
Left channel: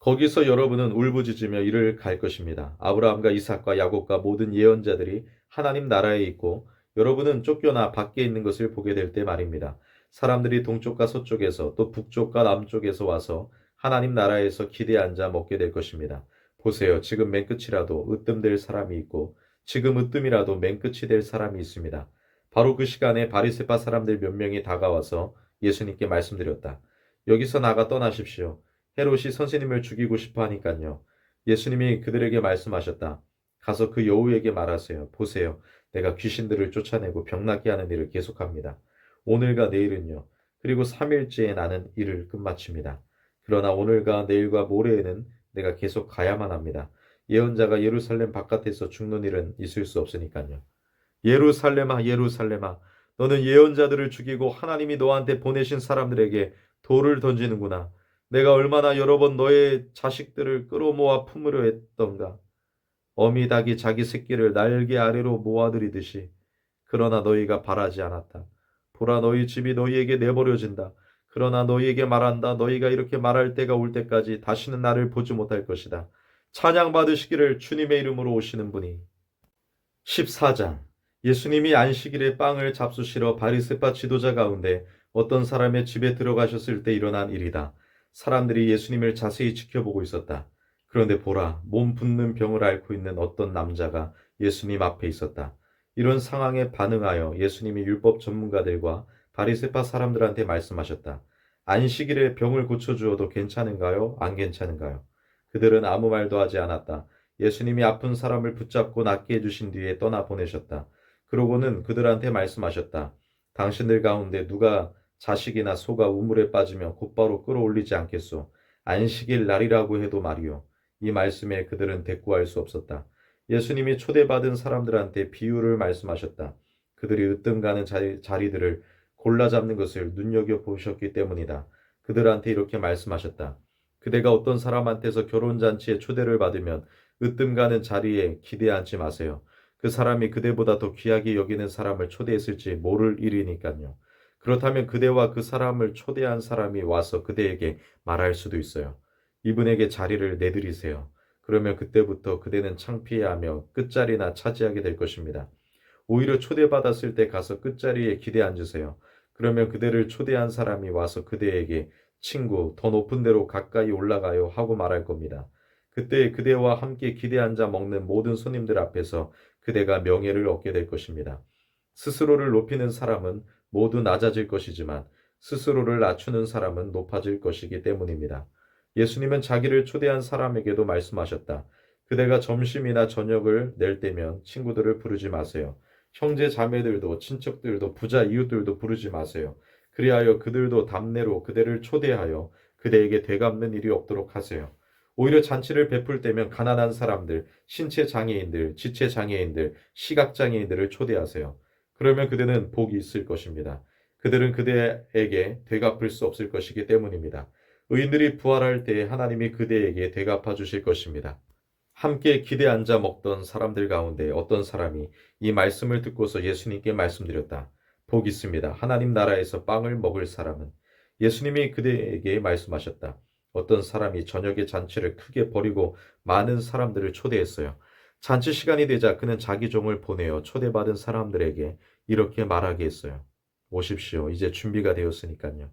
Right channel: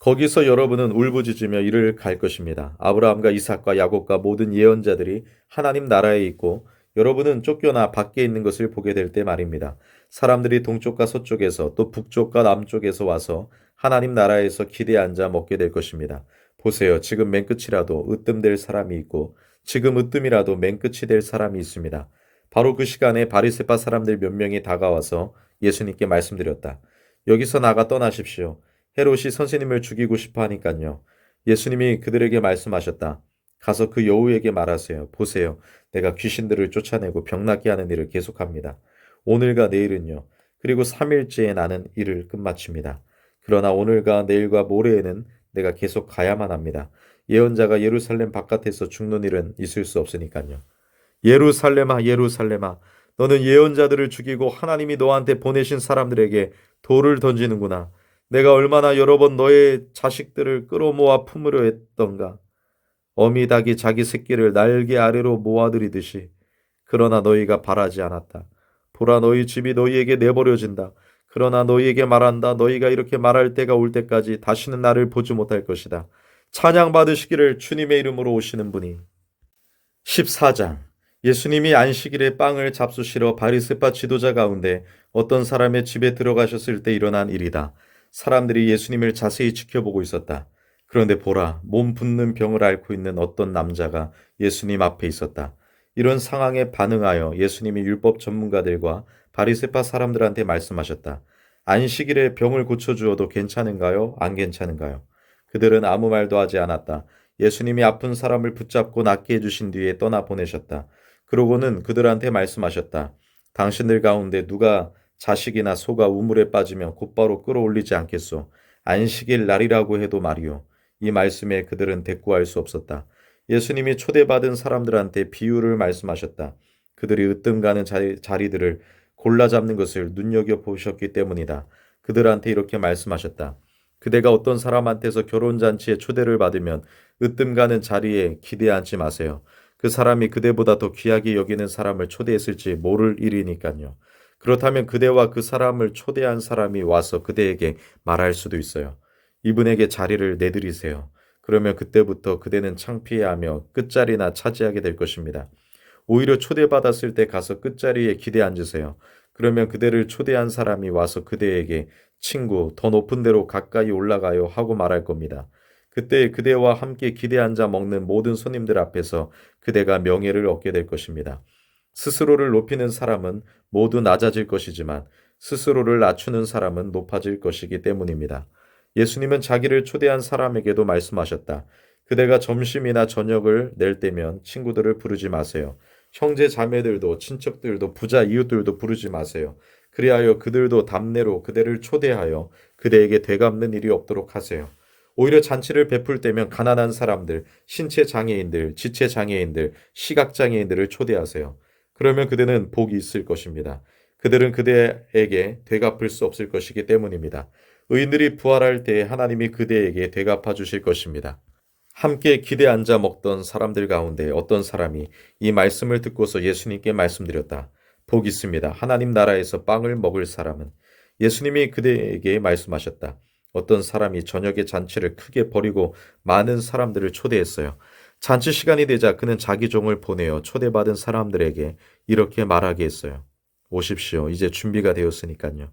거기서 여러분은 울부짖으며 이를 갈 것입니다. 아브라함과 이삭과 야곱과 모든 예언자들이 하나님 나라에 있고 여러분은 쫓겨나 밖에 있는 것을 보게 될 때 말입니다. 사람들이 동쪽과 서쪽에서 또 북쪽과 남쪽에서 와서 하나님 나라에서 기대에 앉아 먹게 될 것입니다. 보세요. 지금 맨 끝이라도 으뜸될 사람이 있고 지금 으뜸이라도 맨 끝이 될 사람이 있습니다. 바로 그 시간에 바리새파 사람들 몇 명이 다가와서 예수님께 말씀드렸다. 여기서 나가 떠나십시오. 헤롯이 선생님을 죽이고 싶어 하니깐요. 예수님이 그들에게 말씀하셨다. 가서 그 여우에게 말하세요. 보세요. 내가 귀신들을 쫓아내고 병낫게 하는 일을 계속합니다. 오늘과 내일은요. 그리고 3일째에 나는 일을 끝마칩니다. 그러나 오늘과 내일과 모레에는 내가 계속 가야만 합니다. 예언자가 예루살렘 바깥에서 죽는 일은 있을 수 없으니까요. 예루살렘아, 예루살렘아, 너는 예언자들을 죽이고 하나님이 너한테 보내신 사람들에게 돌을 던지는구나. 내가 얼마나 여러 번 너의 자식들을 끌어모아 품으려 했던가. 어미 닭이 자기 새끼를 날개 아래로 모아들이듯이. 그러나 너희가 바라지 않았다. 보라, 너희 집이 너희에게 내버려진다. 그러나 너희에게 말한다. 너희가 이렇게 말할 때가 올 때까지 다시는 나를 보지 못할 것이다. 찬양 받으시기를 주님의 이름으로 오시는 분이. 14장. 예수님이 안식일에 빵을 잡수시러 바리새파 지도자 가운데 어떤 사람의 집에 들어가셨을 때 일어난 일이다. 사람들이 예수님을 자세히 지켜보고 있었다. 그런데 보라, 몸 붓는 병을 앓고 있는 어떤 남자가 예수님 앞에 있었다. 이런 상황에 반응하여 예수님이 율법 전문가들과 바리새파 사람들한테 말씀하셨다. 안식일에 병을 고쳐주어도 괜찮은가요? 안 괜찮은가요? 그들은 아무 말도 하지 않았다. 예수님이 아픈 사람을 붙잡고 낫게 해주신 뒤에 떠나 보내셨다. 그러고는 그들한테 말씀하셨다. 당신들 가운데 누가 자식이나 소가 우물에 빠지면 곧바로 끌어올리지 않겠소. 안식일 날이라고 해도 말이오. 이 말씀에 그들은 대꾸할 수 없었다. 예수님이 초대받은 사람들한테 비유를 말씀하셨다. 그들이 으뜸 가는 자리들을 골라 잡는 것을 눈여겨보셨기 때문이다. 그들한테 이렇게 말씀하셨다. 그대가 어떤 사람한테서 결혼잔치에 초대를 받으면 으뜸 가는 자리에 기대 앉지 마세요. 그 사람이 그대보다 더 귀하게 여기는 사람을 초대했을지 모를 일이니까요. 그렇다면 그대와 그 사람을 초대한 사람이 와서 그대에게 말할 수도 있어요. 이분에게 자리를 내드리세요. 그러면 그때부터 그대는 창피해하며 끝자리나 차지하게 될 것입니다. 오히려 초대받았을 때 가서 끝자리에 기대 앉으세요. 그러면 그대를 초대한 사람이 와서 그대에게 친구, 더 높은 데로 가까이 올라가요 하고 말할 겁니다. 그때 그대와 함께 기대 앉아 먹는 모든 손님들 앞에서 그대가 명예를 얻게 될 것입니다. 스스로를 높이는 사람은 모두 낮아질 것이지만 스스로를 낮추는 사람은 높아질 것이기 때문입니다. 예수님은 자기를 초대한 사람에게도 말씀하셨다. 그대가 점심이나 저녁을 낼 때면 친구들을 부르지 마세요. 형제 자매들도 친척들도 부자 이웃들도 부르지 마세요. 그리하여 그들도 답례로 그대를 초대하여 그대에게 되갚는 일이 없도록 하세요. 오히려 잔치를 베풀 때면 가난한 사람들, 신체 장애인들, 지체 장애인들, 시각 장애인들을 초대하세요. 그러면 그대는 복이 있을 것입니다. 그들은 그대에게 되갚을 수 없을 것이기 때문입니다. 의인들이 부활할 때 하나님이 그대에게 되갚아 주실 것입니다. 함께 기대 앉아 먹던 사람들 가운데 어떤 사람이 이 말씀을 듣고서 예수님께 말씀드렸다. 복 있습니다. 하나님 나라에서 빵을 먹을 사람은. 예수님이 그대에게 말씀하셨다. 어떤 사람이 저녁에 잔치를 크게 벌이고 많은 사람들을 초대했어요. 잔치 시간이 되자 그는 자기 종을 보내어 초대받은 사람들에게 이렇게 말하게 했어요. 오십시오. 이제 준비가 되었으니까요.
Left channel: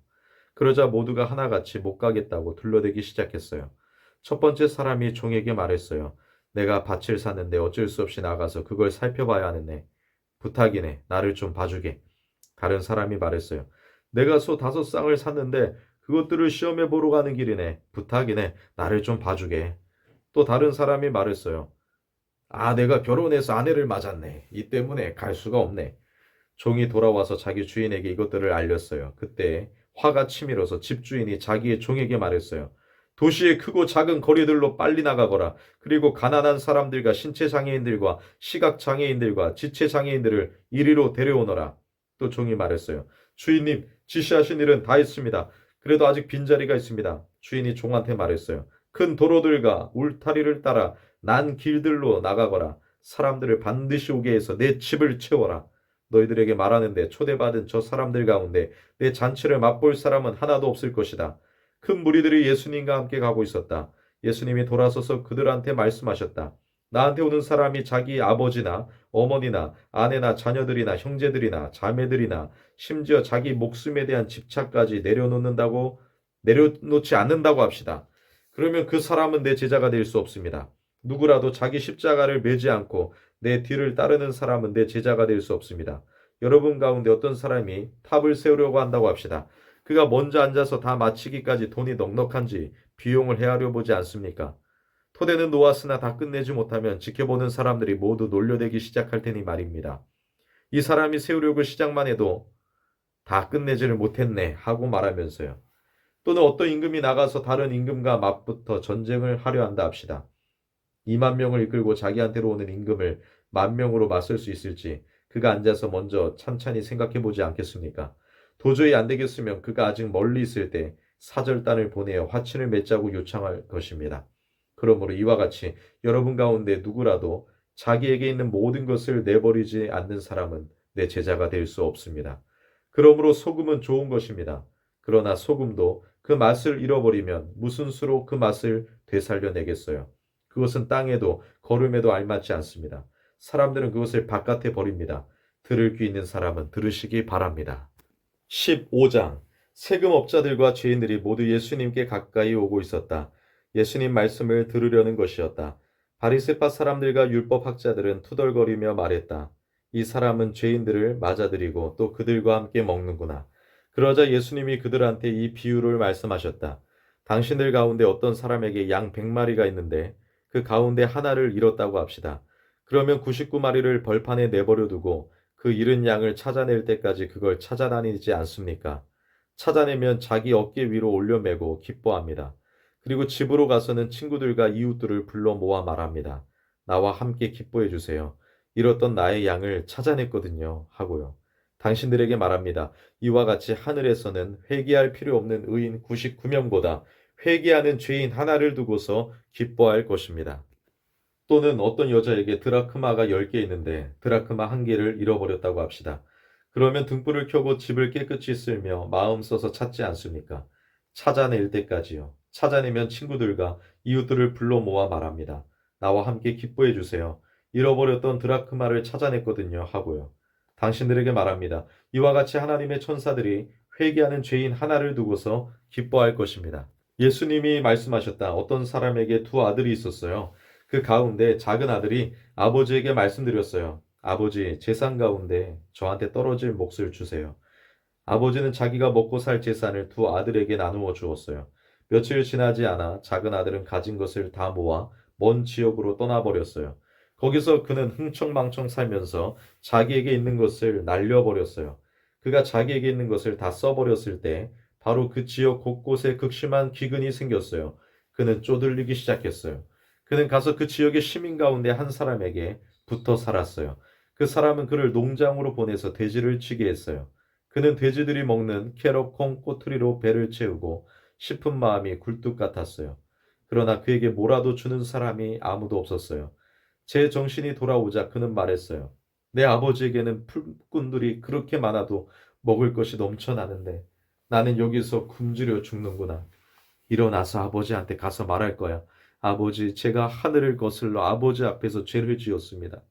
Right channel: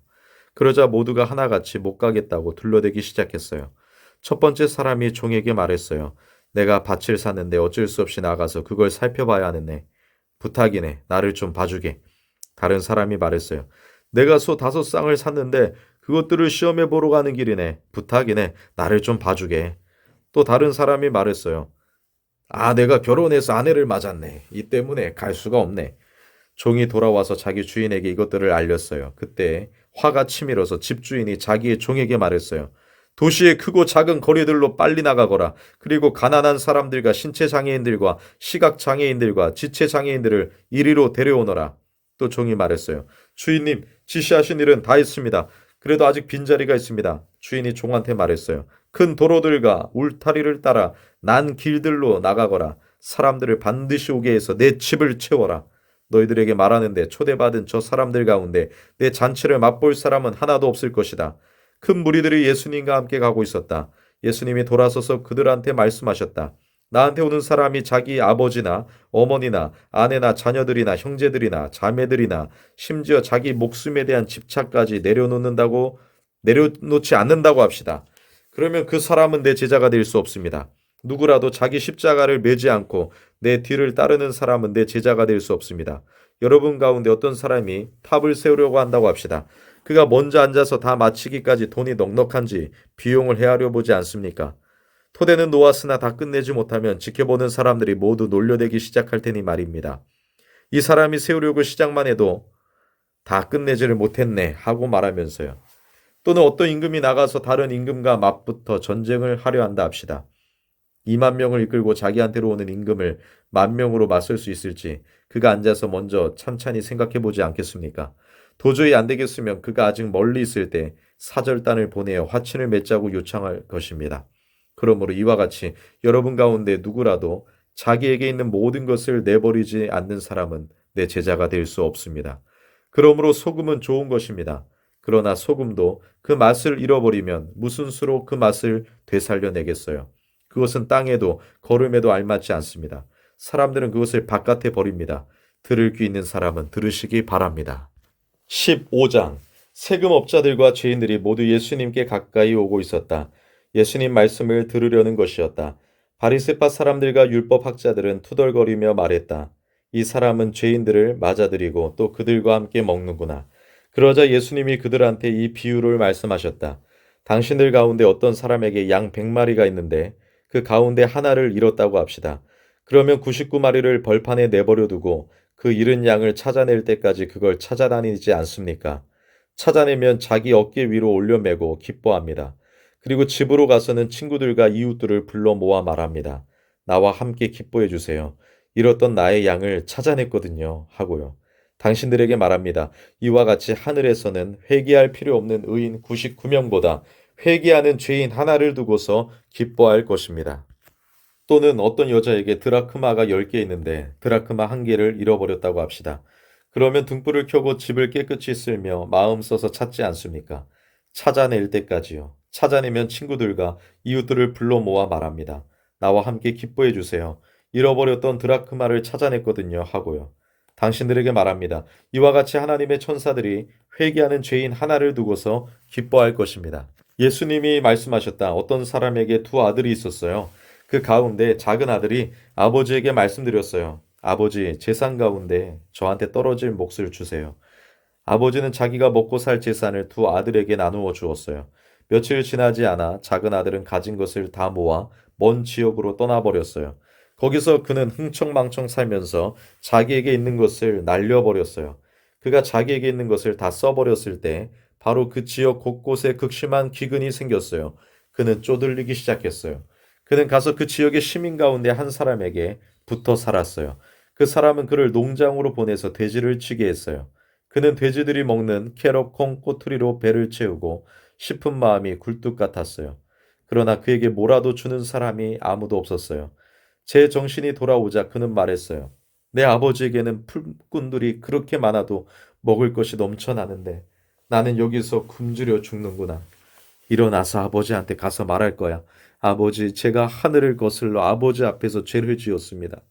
그러자 모두가 하나같이 못 가겠다고 둘러대기 시작했어요. 첫 번째 사람이 종에게 말했어요. 내가 밭을 샀는데 어쩔 수 없이 나가서 그걸 살펴봐야 하는데 부탁이네. 나를 좀 봐주게. 다른 사람이 말했어요. 내가 소 5쌍을 샀는데 그것들을 시험해 보러 가는 길이네. 부탁이네. 나를 좀 봐주게. 또 다른 사람이 말했어요. 아, 내가 결혼해서 아내를 맞았네. 이 때문에 갈 수가 없네. 종이 돌아와서 자기 주인에게 이것들을 알렸어요. 그때 화가 치밀어서 집주인이 자기의 종에게 말했어요. 도시의 크고 작은 거리들로 빨리 나가거라. 그리고 가난한 사람들과 신체 장애인들과 시각 장애인들과 지체 장애인들을 이리로 데려오너라. 또 종이 말했어요. 주인님, 지시하신 일은 다 했습니다. 그래도 아직 빈자리가 있습니다. 주인이 종한테 말했어요. 큰 도로들과 울타리를 따라 난 길들로 나가거라. 사람들을 반드시 오게 해서 내 집을 채워라. 너희들에게 말하는데 초대받은 저 사람들 가운데 내 잔치를 맛볼 사람은 하나도 없을 것이다. 큰 무리들이 예수님과 함께 가고 있었다. 예수님이 돌아서서 그들한테 말씀하셨다. 나한테 오는 사람이 자기 아버지나 어머니나 아내나 자녀들이나 형제들이나 자매들이나 심지어 자기 목숨에 대한 집착까지 내려놓지 않는다고 합시다. 그러면 그 사람은 내 제자가 될 수 없습니다. 누구라도 자기 십자가를 메지 않고 내 뒤를 따르는 사람은 내 제자가 될 수 없습니다. 여러분 가운데 어떤 사람이 탑을 세우려고 한다고 합시다. 그가 먼저 앉아서 다 마치기까지 돈이 넉넉한지 비용을 헤아려 보지 않습니까? 토대는 놓았으나 다 끝내지 못하면 지켜보는 사람들이 모두 놀려대기 시작할 테니 말입니다. 이 사람이 세우려고 시작만 해도 다 끝내지를 못했네 하고 말하면서요. 또는 어떤 임금이 나가서 다른 임금과 맞붙어 전쟁을 하려 한다 합시다. 2만 명을 이끌고 자기한테로 오는 임금을 1만 명으로 맞설 수 있을지 그가 앉아서 먼저 찬찬히 생각해 보지 않겠습니까? 도저히 안 되겠으면 그가 아직 멀리 있을 때 사절단을 보내어 화친을 맺자고 요청할 것입니다. 그러므로 이와 같이 여러분 가운데 누구라도 자기에게 있는 모든 것을 내버리지 않는 사람은 내 제자가 될 수 없습니다. 그러므로 소금은 좋은 것입니다. 그러나 소금도 그 맛을 잃어버리면 무슨 수로 그 맛을 되살려내겠어요? 그것은 땅에도 거름에도 알맞지 않습니다. 사람들은 그것을 바깥에 버립니다. 들을 귀 있는 사람은 들으시기 바랍니다. 15장 세금업자들과 죄인들이 모두 예수님께 가까이 오고 있었다. 예수님 말씀을 들으려는 것이었다. 바리새파 사람들과 율법학자들은 투덜거리며 말했다. 이 사람은 죄인들을 맞아들이고 또 그들과 함께 먹는구나. 그러자 예수님이 그들한테 이 비유를 말씀하셨다. 당신들 가운데 어떤 사람에게 양 100마리가 있는데 그 가운데 하나를 잃었다고 합시다. 그러면 99마리를 벌판에 내버려 두고 그 잃은 양을 찾아낼 때까지 그걸 찾아다니지 않습니까? 찾아내면 자기 어깨 위로 올려매고 기뻐합니다. 그리고 집으로 가서는 친구들과 이웃들을 불러 모아 말합니다. 나와 함께 기뻐해 주세요. 잃었던 나의 양을 찾아냈거든요. 하고요. 당신들에게 말합니다. 이와 같이 하늘에서는 회개할 필요 없는 의인 99명보다 회개하는 죄인 하나를 두고서 기뻐할 것입니다. 또는 어떤 여자에게 드라크마가 10개 있는데 드라크마 1개를 잃어버렸다고 합시다. 그러면 등불을 켜고 집을 깨끗이 쓸며 마음 써서 찾지 않습니까? 찾아낼 때까지요. 찾아내면 친구들과 이웃들을 불러 모아 말합니다. 나와 함께 기뻐해 주세요. 잃어버렸던 드라크마를 찾아냈거든요. 하고요. 당신들에게 말합니다. 이와 같이 하나님의 천사들이 회개하는 죄인 하나를 두고서 기뻐할 것입니다. 예수님이 말씀하셨다. 어떤 사람에게 2 아들이 있었어요. 그 가운데 작은 아들이 아버지에게 말씀드렸어요. 아버지, 재산 가운데 저한테 떨어질 몫을 주세요. 아버지는 자기가 먹고 살 재산을 2 아들에게 나누어 주었어요. 며칠 지나지 않아 작은 아들은 가진 것을 다 모아 먼 지역으로 떠나버렸어요. 거기서 그는 흥청망청 살면서 자기에게 있는 것을 날려버렸어요. 그가 자기에게 있는 것을 다 써버렸을 때 바로 그 지역 곳곳에 극심한 기근이 생겼어요. 그는 쪼들리기 시작했어요. 그는 가서 그 지역의 시민 가운데 한 사람에게 붙어 살았어요. 그 사람은 그를 농장으로 보내서 돼지를 치게 했어요. 그는 돼지들이 먹는 캐럿, 콩, 꼬투리로 배를 채우고 싶은 마음이 굴뚝 같았어요. 그러나 그에게 뭐라도 주는 사람이 아무도 없었어요. 제 정신이 돌아오자 그는 말했어요. 내 아버지에게는 풀꾼들이 그렇게 많아도 먹을 것이 넘쳐나는데 나는 여기서 굶주려 죽는구나. 일어나서 아버지한테 가서 말할 거야. 아버지, 제가 하늘을 거슬러 아버지 앞에서 죄를 지었습니다.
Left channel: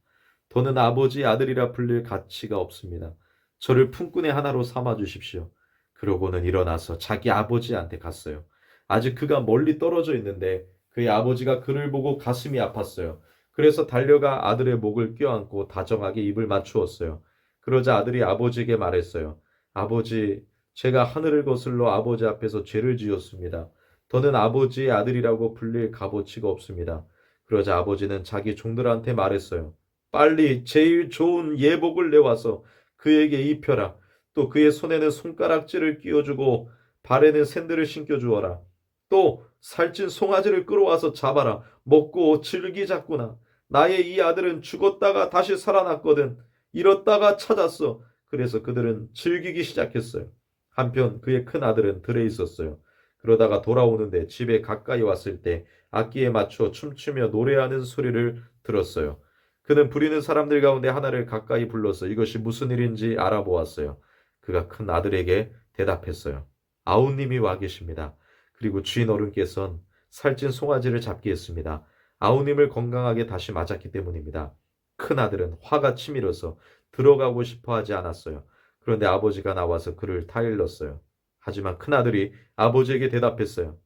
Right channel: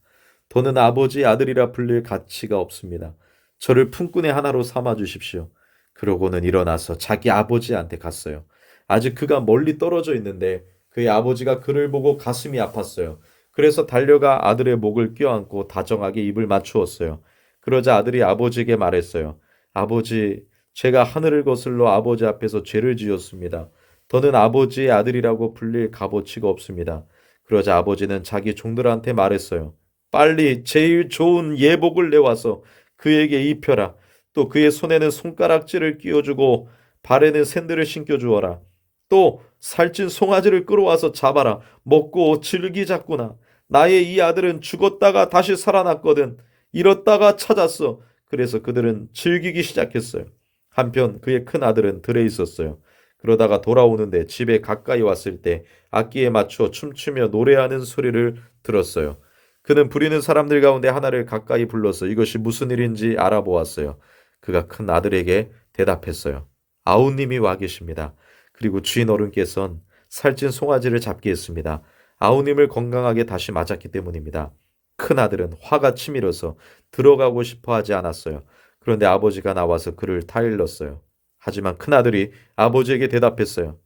더는 아버지 아들이라 불릴 가치가 없습니다. 저를 품꾼의 하나로 삼아 주십시오. 그러고는 일어나서 자기 아버지한테 갔어요. 아직 그가 멀리 떨어져 있는데 그의 아버지가 그를 보고 가슴이 아팠어요. 그래서 달려가 아들의 목을 껴안고 다정하게 입을 맞추었어요. 그러자 아들이 아버지에게 말했어요. 아버지, 제가 하늘을 거슬러 아버지 앞에서 죄를 지었습니다. 더는 아버지의 아들이라고 불릴 값어치가 없습니다. 그러자 아버지는 자기 종들한테 말했어요. 빨리 제일 좋은 예복을 내와서 그에게 입혀라. 또 그의 손에는 손가락질을 끼워주고 발에는 샌들을 신겨주어라. 또 살찐 송아지를 끌어와서 잡아라. 먹고 즐기자꾸나. 나의 이 아들은 죽었다가 다시 살아났거든. 잃었다가 찾았어. 그래서 그들은 즐기기 시작했어요. 한편 그의 큰 아들은 들에 있었어요. 그러다가 돌아오는데 집에 가까이 왔을 때 악기에 맞춰 춤추며 노래하는 소리를 들었어요. 그는 부리는 사람들 가운데 하나를 가까이 불러서 이것이 무슨 일인지 알아보았어요. 그가 큰 아들에게 대답했어요. 아우님이 와 계십니다. 그리고 주인 어른께선 살찐 송아지를 잡게 했습니다. 아우님을 건강하게 다시 맞았기 때문입니다. 큰 아들은 화가 치밀어서 들어가고 싶어 하지 않았어요. 그런데 아버지가 나와서 그를 타일렀어요. 하지만 큰 아들이 아버지에게 대답했어요.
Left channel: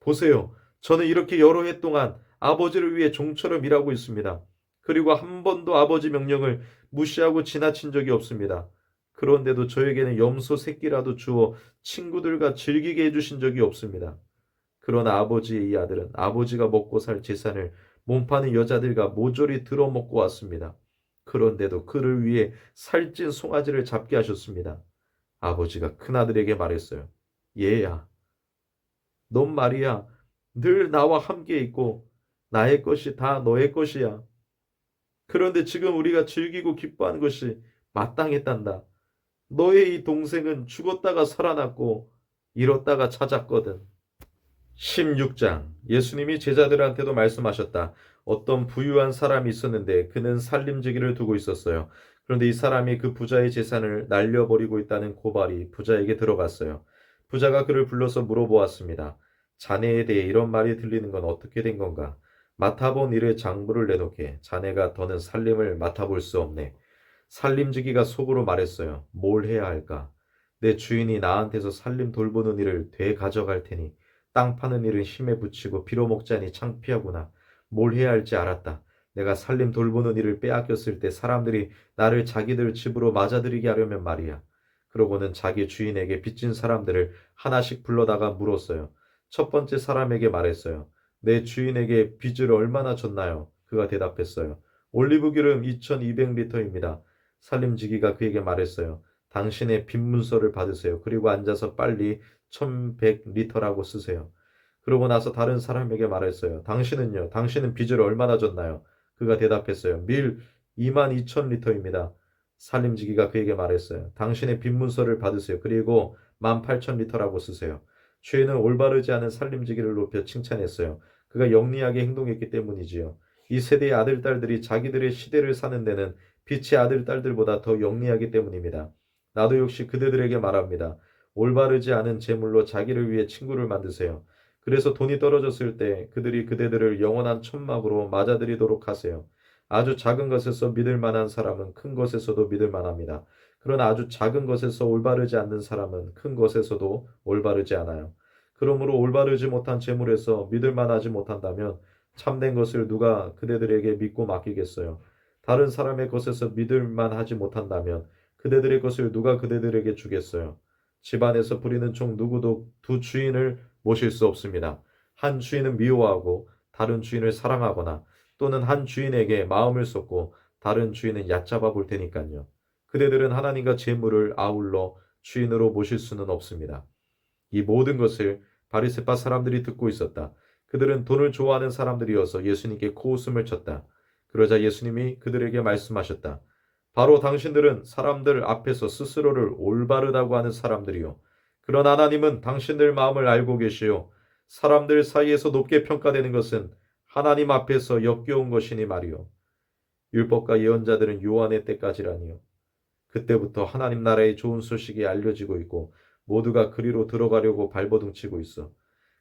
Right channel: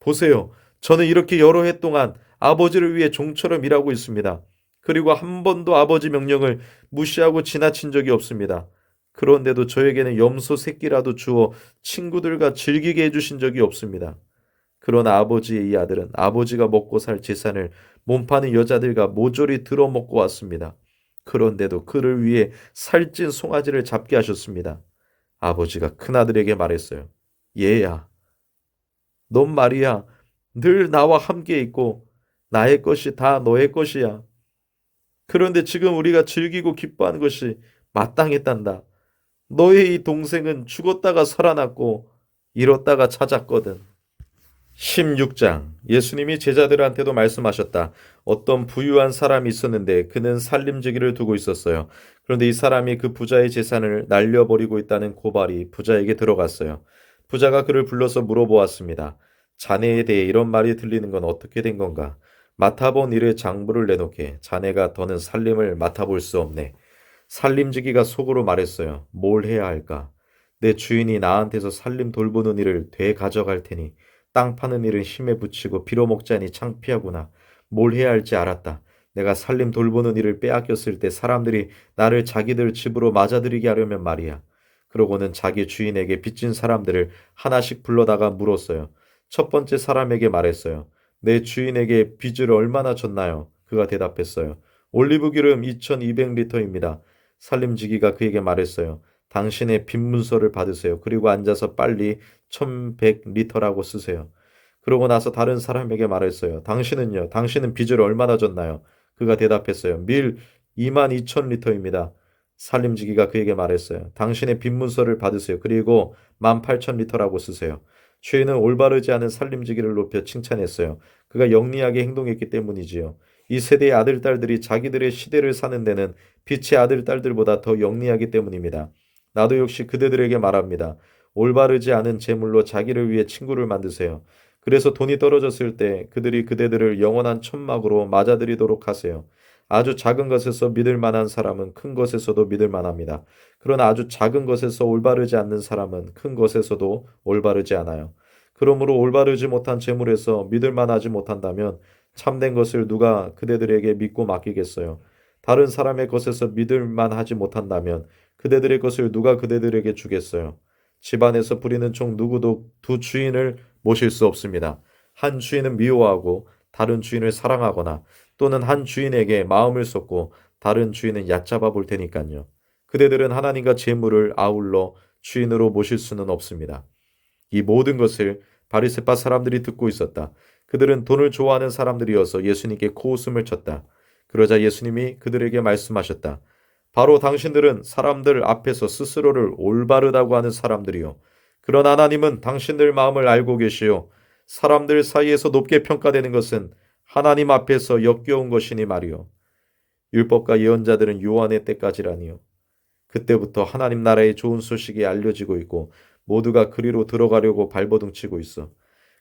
보세요. 저는 이렇게 여러 해 동안 아버지를 위해 종처럼 일하고 있습니다. 그리고 한 번도 아버지 명령을 무시하고 지나친 적이 없습니다. 그런데도 저에게는 염소 새끼라도 주어 친구들과 즐기게 해주신 적이 없습니다. 그러나 아버지의 이 아들은 아버지가 먹고 살 재산을 몸파는 여자들과 모조리 들어먹고 왔습니다. 그런데도 그를 위해 살찐 송아지를 잡게 하셨습니다. 아버지가 큰아들에게 말했어요. 얘야, 넌 말이야, 늘 나와 함께 있고 나의 것이 다 너의 것이야. 그런데 지금 우리가 즐기고 기뻐하는 것이 마땅했단다. 너의 이 동생은 죽었다가 살아났고 잃었다가 찾았거든. 16장. 예수님이 제자들한테도 말씀하셨다. 어떤 부유한 사람이 있었는데 그는 살림지기를 두고 있었어요. 그런데 이 사람이 그 부자의 재산을 날려버리고 있다는 고발이 부자에게 들어갔어요. 부자가 그를 불러서 물어보았습니다. 자네에 대해 이런 말이 들리는 건 어떻게 된 건가? 맡아본 일에 장부를 내놓게. 자네가 더는 살림을 맡아볼 수 없네. 살림지기가 속으로 말했어요. 뭘 해야 할까? 내 주인이 나한테서 살림 돌보는 일을 되가져갈 테니 땅 파는 일은 힘에 부치고 빌어먹자니 창피하구나. 뭘 해야 할지 알았다. 내가 살림 돌보는 일을 빼앗겼을 때 사람들이 나를 자기들 집으로 맞아들이게 하려면 말이야. 그러고는 자기 주인에게 빚진 사람들을 하나씩 불러다가 물었어요. 첫 번째 사람에게 말했어요. 내 주인에게 빚을 얼마나 졌나요? 그가 대답했어요. 올리브 기름 2200리터입니다. 살림지기가 그에게 말했어요. 당신의 빚 문서를 받으세요. 그리고 앉아서 빨리 1100리터라고 쓰세요. 그러고 나서 다른 사람에게 말했어요. 당신은요? 당신은 빚을 얼마나 졌나요? 그가 대답했어요. 밀 22,000리터입니다. 살림지기가 그에게 말했어요. 당신의 빚 문서를 받으세요. 그리고 18,000리터라고 쓰세요. 주인은 올바르지 않은 살림지기를 높여 칭찬했어요. 그가 영리하게 행동했기 때문이지요. 이 세대의 아들, 딸들이 자기들의 시대를 사는 데는 빛의 아들, 딸들보다 더 영리하기 때문입니다. 나도 역시 그대들에게 말합니다. 올바르지 않은 재물로 자기를 위해 친구를 만드세요. 그래서 돈이 떨어졌을 때 그들이 그대들을 영원한 천막으로 맞아들이도록 하세요. 아주 작은 것에서 믿을 만한 사람은 큰 것에서도 믿을 만합니다. 그러나 아주 작은 것에서 올바르지 않는 사람은 큰 것에서도 올바르지 않아요. 그러므로 올바르지 못한 재물에서 믿을 만하지 못한다면 참된 것을 누가 그대들에게 믿고 맡기겠어요? 다른 사람의 것에서 믿을 만하지 못한다면 그대들의 것을 누가 그대들에게 주겠어요? 집안에서 부리는 총 누구도 두 주인을 모실 수 없습니다. 한 주인은 미워하고 다른 주인을 사랑하거나 또는 한 주인에게 마음을 쏟고 다른 주인은 얕잡아 볼 테니까요. 그대들은 하나님과 재물을 아울러 주인으로 모실 수는 없습니다. 이 모든 것을 바리새파 사람들이 듣고 있었다. 그들은 돈을 좋아하는 사람들이어서 예수님께 코웃음을 쳤다. 그러자 예수님이 그들에게 말씀하셨다. 바로 당신들은 사람들 앞에서 스스로를 올바르다고 하는 사람들이요. 그러나 하나님은 당신들 마음을 알고 계시오. 사람들 사이에서 높게 평가되는 것은 하나님 앞에서 역겨운 것이니 말이오. 율법과 예언자들은 요한의 때까지라니요. 그때부터 하나님 나라의 좋은 소식이 알려지고 있고 모두가 그리로 들어가려고 발버둥치고 있어.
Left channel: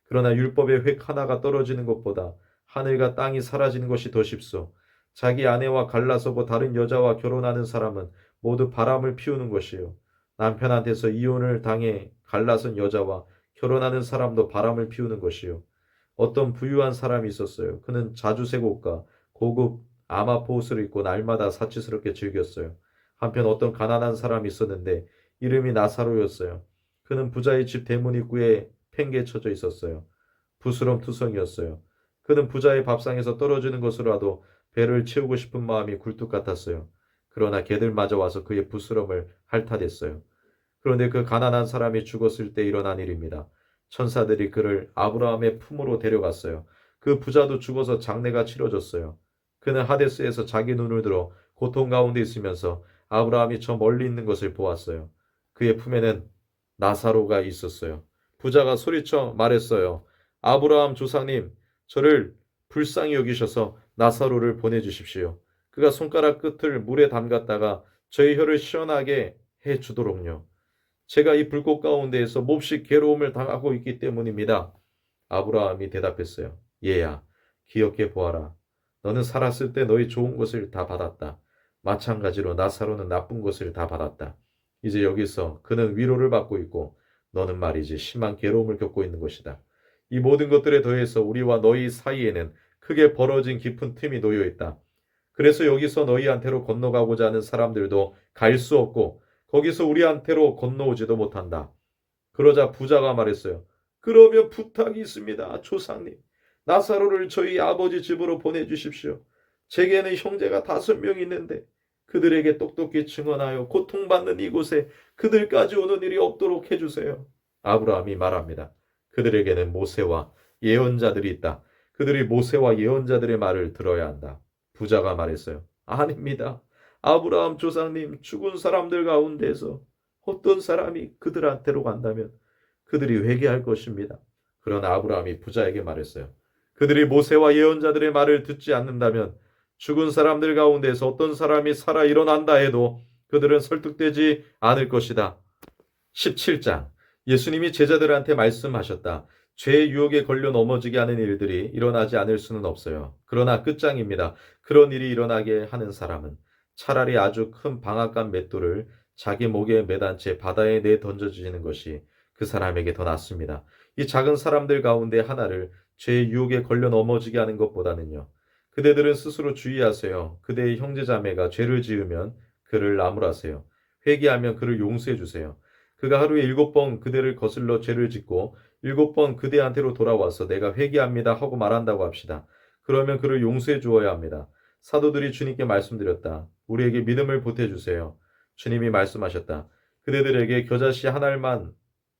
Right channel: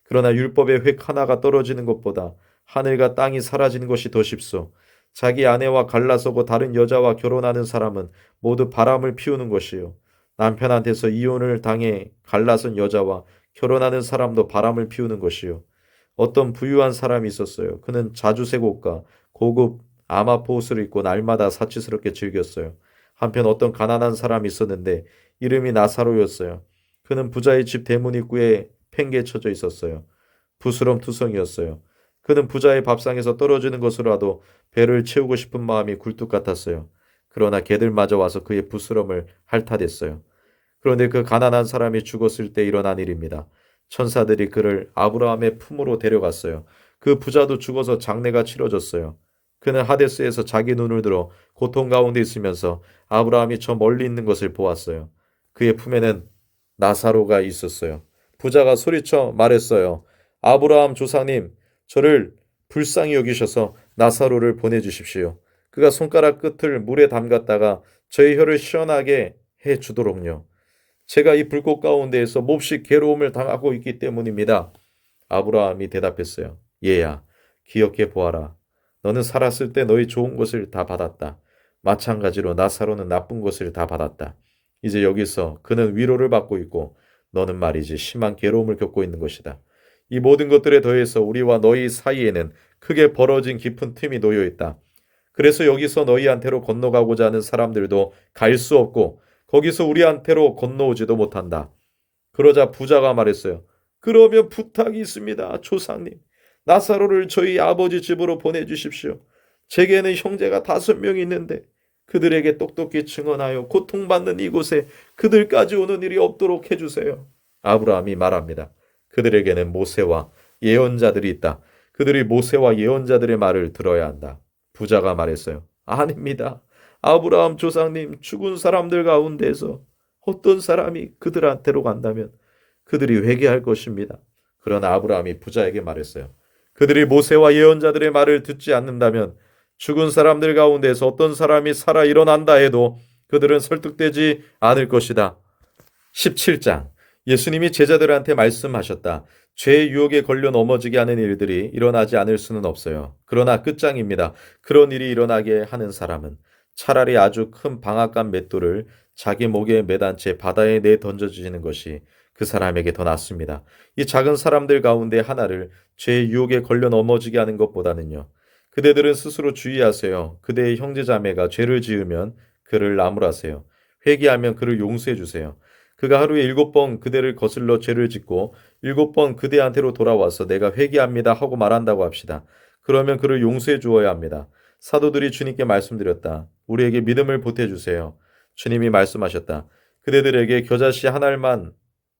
그러나 율법의 획 하나가 떨어지는 것보다 하늘과 땅이 사라지는 것이 더 쉽소. 자기 아내와 갈라서고 다른 여자와 결혼하는 사람은 모두 바람을 피우는 것이요. 남편한테서 이혼을 당해 갈라선 여자와 결혼하는 사람도 바람을 피우는 것이요. 어떤 부유한 사람이 있었어요. 그는 자주색 옷과 고급 아마포 옷을 입고 날마다 사치스럽게 즐겼어요. 한편 어떤 가난한 사람이 있었는데 이름이 나사로였어요. 그는 부자의 집 대문 입구에 팽개쳐져 있었어요. 부스럼투성이었어요. 그는 부자의 밥상에서 떨어지는 것으로라도 배를 채우고 싶은 마음이 굴뚝 같았어요. 그러나 개들마저 와서 그의 부스럼을 핥아댔어요. 그런데 그 가난한 사람이 죽었을 때 일어난 일입니다. 천사들이 그를 아브라함의 품으로 데려갔어요. 그 부자도 죽어서 장례가 치러졌어요. 그는 하데스에서 자기 눈을 들어 고통 가운데 있으면서 아브라함이 저 멀리 있는 것을 보았어요. 그의 품에는 나사로가 있었어요. 부자가 소리쳐 말했어요. 아브라함 조상님, 저를 불쌍히 여기셔서 나사로를 보내주십시오. 그가 손가락 끝을 물에 담갔다가 저의 혀를 시원하게 해 주도록요. 제가 이 불꽃 가운데에서 몹시 괴로움을 당하고 있기 때문입니다. 아브라함이 대답했어요. 얘야, 기억해 보아라. 너는 살았을 때 너희 좋은 것을 다 받았다. 마찬가지로 나사로는 나쁜 것을 다 받았다. 이제 여기서 그는 위로를 받고 있고 너는 말이지 심한 괴로움을 겪고 있는 것이다. 이 모든 것들에 더해서 우리와 너희 사이에는 크게 벌어진 깊은 틈이 놓여 있다. 그래서 여기서 너희한테로 건너가고자 하는 사람들도 갈 수 없고 거기서 우리한테로 건너오지도 못한다. 그러자 부자가 말했어요. 그러면 부탁이 있습니다, 조상님. 나사로를 저희 아버지 집으로 보내주십시오. 제게는 형제가 5명이 있는데 그들에게 똑똑히 증언하여 고통받는 이곳에 그들까지 오는 일이 없도록 해주세요. 아브라함이 말합니다. 그들에게는 모세와 예언자들이 있다. 그들이 모세와 예언자들의 말을 들어야 한다. 부자가 말했어요. 아닙니다. 아브라함 조상님 죽은 사람들 가운데서 어떤 사람이 그들한테로 간다면 그들이 회개할 것입니다. 그러나 아브라함이 부자에게 말했어요. 그들이 모세와 예언자들의 말을 듣지 않는다면 죽은 사람들 가운데서 어떤 사람이 살아 일어난다 해도 그들은 설득되지 않을 것이다. 17장. 예수님이 제자들한테 말씀하셨다. 죄의 유혹에 걸려 넘어지게 하는 일들이 일어나지 않을 수는 없어요. 그러나 끝장입니다. 그런 일이 일어나게 하는 사람은 차라리 아주 큰 방앗간 맷돌을 자기 목에 매단 채 바다에 내 던져주시는 것이 그 사람에게 더 낫습니다. 이 작은 사람들 가운데 하나를 죄의 유혹에 걸려 넘어지게 하는 것보다는요. 그대들은 스스로 주의하세요. 그대의 형제자매가 죄를 지으면 그를 나무라세요. 회개하면 그를 용서해 주세요. 그가 하루에 7번 그대를 거슬러 죄를 짓고 7번 그대한테로 돌아와서 내가 회개합니다 하고 말한다고 합시다. 그러면 그를 용서해 주어야 합니다. 사도들이 주님께 말씀드렸다. 우리에게 믿음을 보태주세요. 주님이 말씀하셨다. 그대들에게 겨자씨 한 알만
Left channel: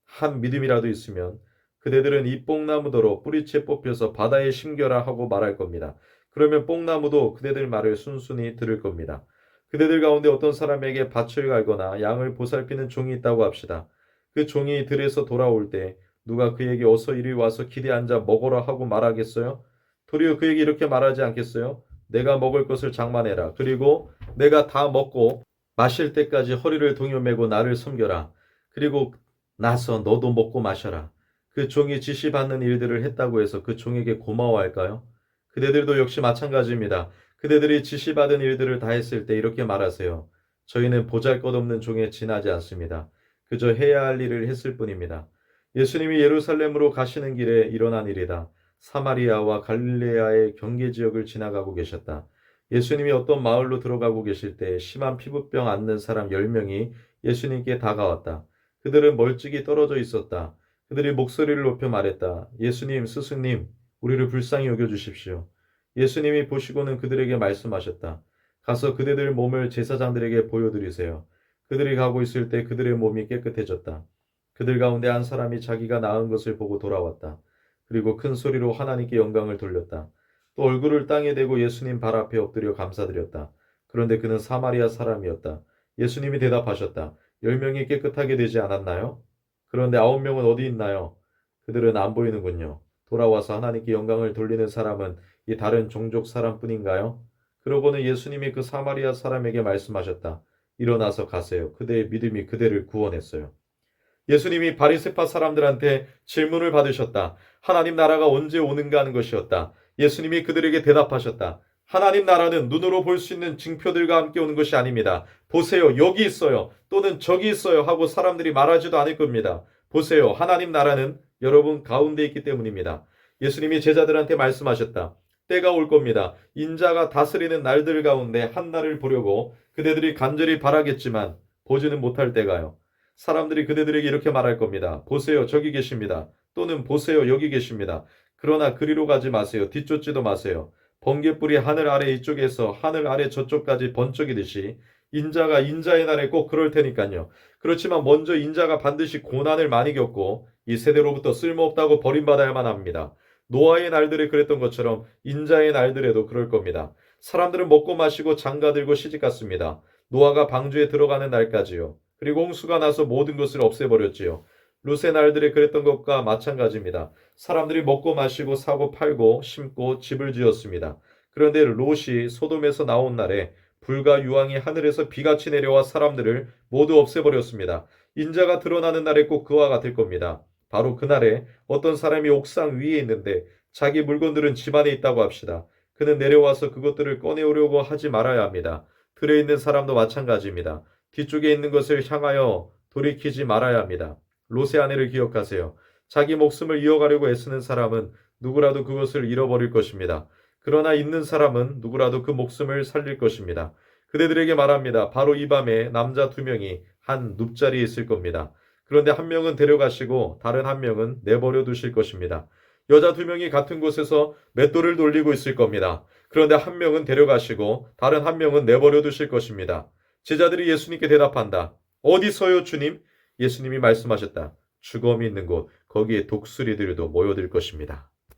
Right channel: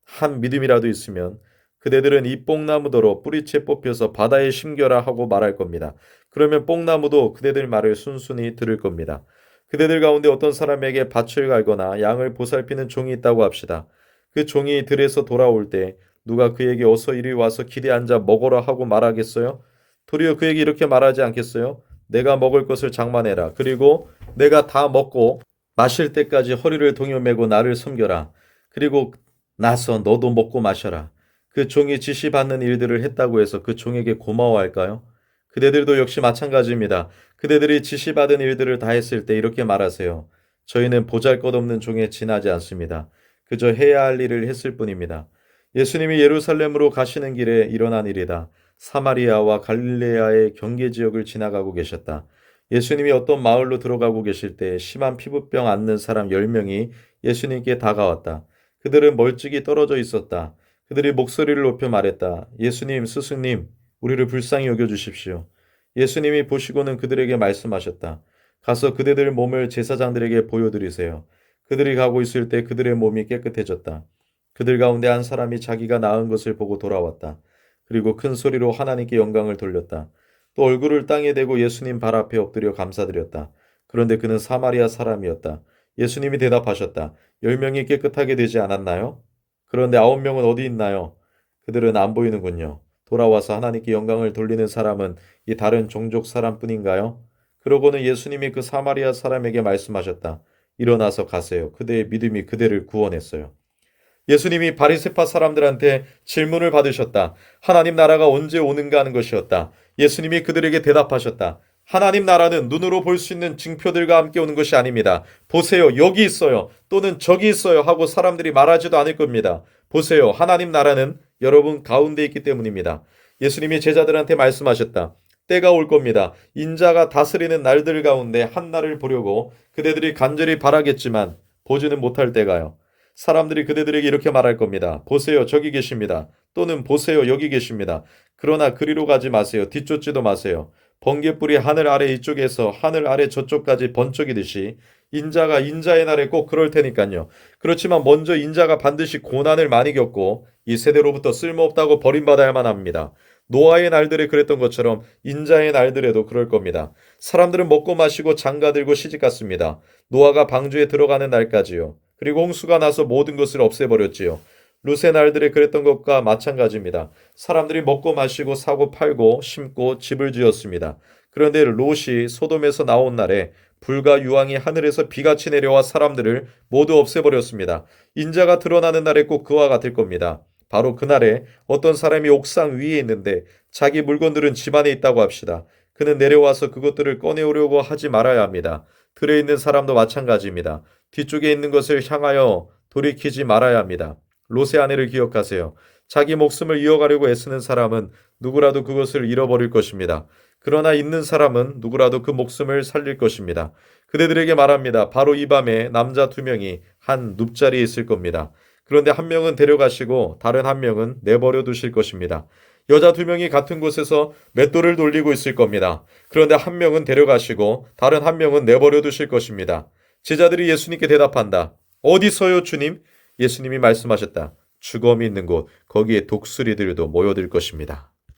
한 믿음이라도 있으면 그대들은 이 뽕나무더러 뿌리채 뽑혀서 바다에 심겨라 하고 말할 겁니다. 그러면 뽕나무도 그대들 말을 순순히 들을 겁니다. 그대들 가운데 어떤 사람에게 밭을 갈거나 양을 보살피는 종이 있다고 합시다. 그 종이 들에서 돌아올 때 누가 그에게 어서 이리 와서 길에 앉아 먹어라 하고 말하겠어요? 도리어 그에게 이렇게 말하지 않겠어요? 내가 먹을 것을 장만해라. 그리고 내가 다 먹고 마실 때까지 허리를 동여매고 나를 섬겨라. 그리고 나서 너도 먹고 마셔라. 그 종이 지시받는 일들을 했다고 해서 그 종에게 고마워할까요? 그대들도 역시 마찬가지입니다. 그대들이 지시받은 일들을 다 했을 때 이렇게 말하세요. 저희는 보잘것없는 종에 지나지 않습니다. 그저 해야 할 일을 했을 뿐입니다. 예수님이 예루살렘으로 가시는 길에 일어난 일이다. 사마리아와 갈릴레아의 경계 지역을 지나가고 계셨다. 예수님이 어떤 마을로 들어가고 계실 때 심한 피부병 앓는 사람 10명이 예수님께 다가왔다. 그들은 멀찍이 떨어져 있었다. 그들이 목소리를 높여 말했다. 예수님, 스승님, 우리를 불쌍히 여겨주십시오. 예수님이 보시고는 그들에게 말씀하셨다. 가서 그대들 몸을 제사장들에게 보여드리세요. 그들이 가고 있을 때 그들의 몸이 깨끗해졌다. 그들 가운데 한 사람이 자기가 나은 것을 보고 돌아왔다. 그리고 큰 소리로 하나님께 영광을 돌렸다. 또 얼굴을 땅에 대고 예수님 발 앞에 엎드려 감사드렸다. 그런데 그는 사마리아 사람이었다. 예수님이 대답하셨다. 10명이 깨끗하게 되지 않았나요? 그런데 9명은 어디 있나요? 그들은 안 보이는군요. 돌아와서 하나님께 영광을 돌리는 사람은 이 다른 종족 사람뿐인가요? 그러고는 예수님이 그 사마리아 사람에게 말씀하셨다. 일어나서 가세요. 그대의 믿음이 그대를 구원했어요. 예수님이 바리새파 사람들한테 질문을 받으셨다. 하나님 나라가 언제 오는가 하는 것이었다. 예수님이 그들에게 대답하셨다. 하나님 나라는 눈으로 볼 수 있는 징표들과 함께 오는 것이 아닙니다. 보세요, 여기 있어요. 또는 저기 있어요. 하고 사람들이 말하지도 않을 겁니다. 보세요, 하나님 나라는 여러분 가운데 있기 때문입니다. 예수님이 제자들한테 말씀하셨다. 때가 올 겁니다. 인자가 다스리는 날들 가운데 한 날을 보려고 그대들이 간절히 바라겠지만 보지는 못할 때가요. 사람들이 그대들에게 이렇게 말할 겁니다. 보세요, 저기 계십니다. 또는 보세요, 여기 계십니다. 그러나 그리로 가지 마세요. 뒤쫓지도 마세요. 번개불이 하늘 아래 이쪽에서 하늘 아래 저쪽까지 번쩍이듯이 인자가 인자의 날에 꼭 그럴 테니까요. 그렇지만 먼저 인자가 반드시 고난을 많이 겪고 이 세대로부터 쓸모없다고 버림받아야만 합니다. 노아의 날들에 그랬던 것처럼 인자의 날들에도 그럴 겁니다. 사람들은 먹고 마시고 장가들고 시집갔습니다. 노아가 방주에 들어가는 날까지요. 그리고 홍수가 나서 모든 것을 없애버렸지요. 롯의 날들에 그랬던 것과 마찬가지입니다. 사람들이 먹고 마시고 사고 팔고 심고 집을 지었습니다. 그런데 롯이 소돔에서 나온 날에 불과 유황이 하늘에서 비같이 내려와 사람들을 모두 없애버렸습니다. 인자가 드러나는 날에 꼭 그와 같을 겁니다. 바로 그날에 어떤 사람이 옥상 위에 있는데 자기 물건들은 집 안에 있다고 합시다. 그는 내려와서 그것들을 꺼내오려고 하지 말아야 합니다. 들에 있는 사람도 마찬가지입니다. 뒤쪽에 있는 것을 향하여 돌이키지 말아야 합니다. 롯의 아내를 기억하세요. 자기 목숨을 이어가려고 애쓰는 사람은 누구라도 그것을 잃어버릴 것입니다. 그러나 있는 사람은 누구라도 그 목숨을 살릴 것입니다. 그대들에게 말합니다. 바로 이 밤에 남자 2명이 한 눕자리에 있을 겁니다. 그런데 한 명은 데려가시고 다른 한 명은 내버려 두실 것입니다. 여자 2명이 같은 곳에서 맷돌을 돌리고 있을 겁니다. 그런데 한 명은 데려가시고 다른 한 명은 내버려 두실 것입니다. 제자들이 예수님께 대답한다. 어디서요, 주님? 예수님이 말씀하셨다. 죽음이 있는 곳, 거기에 독수리들도 모여들 것입니다.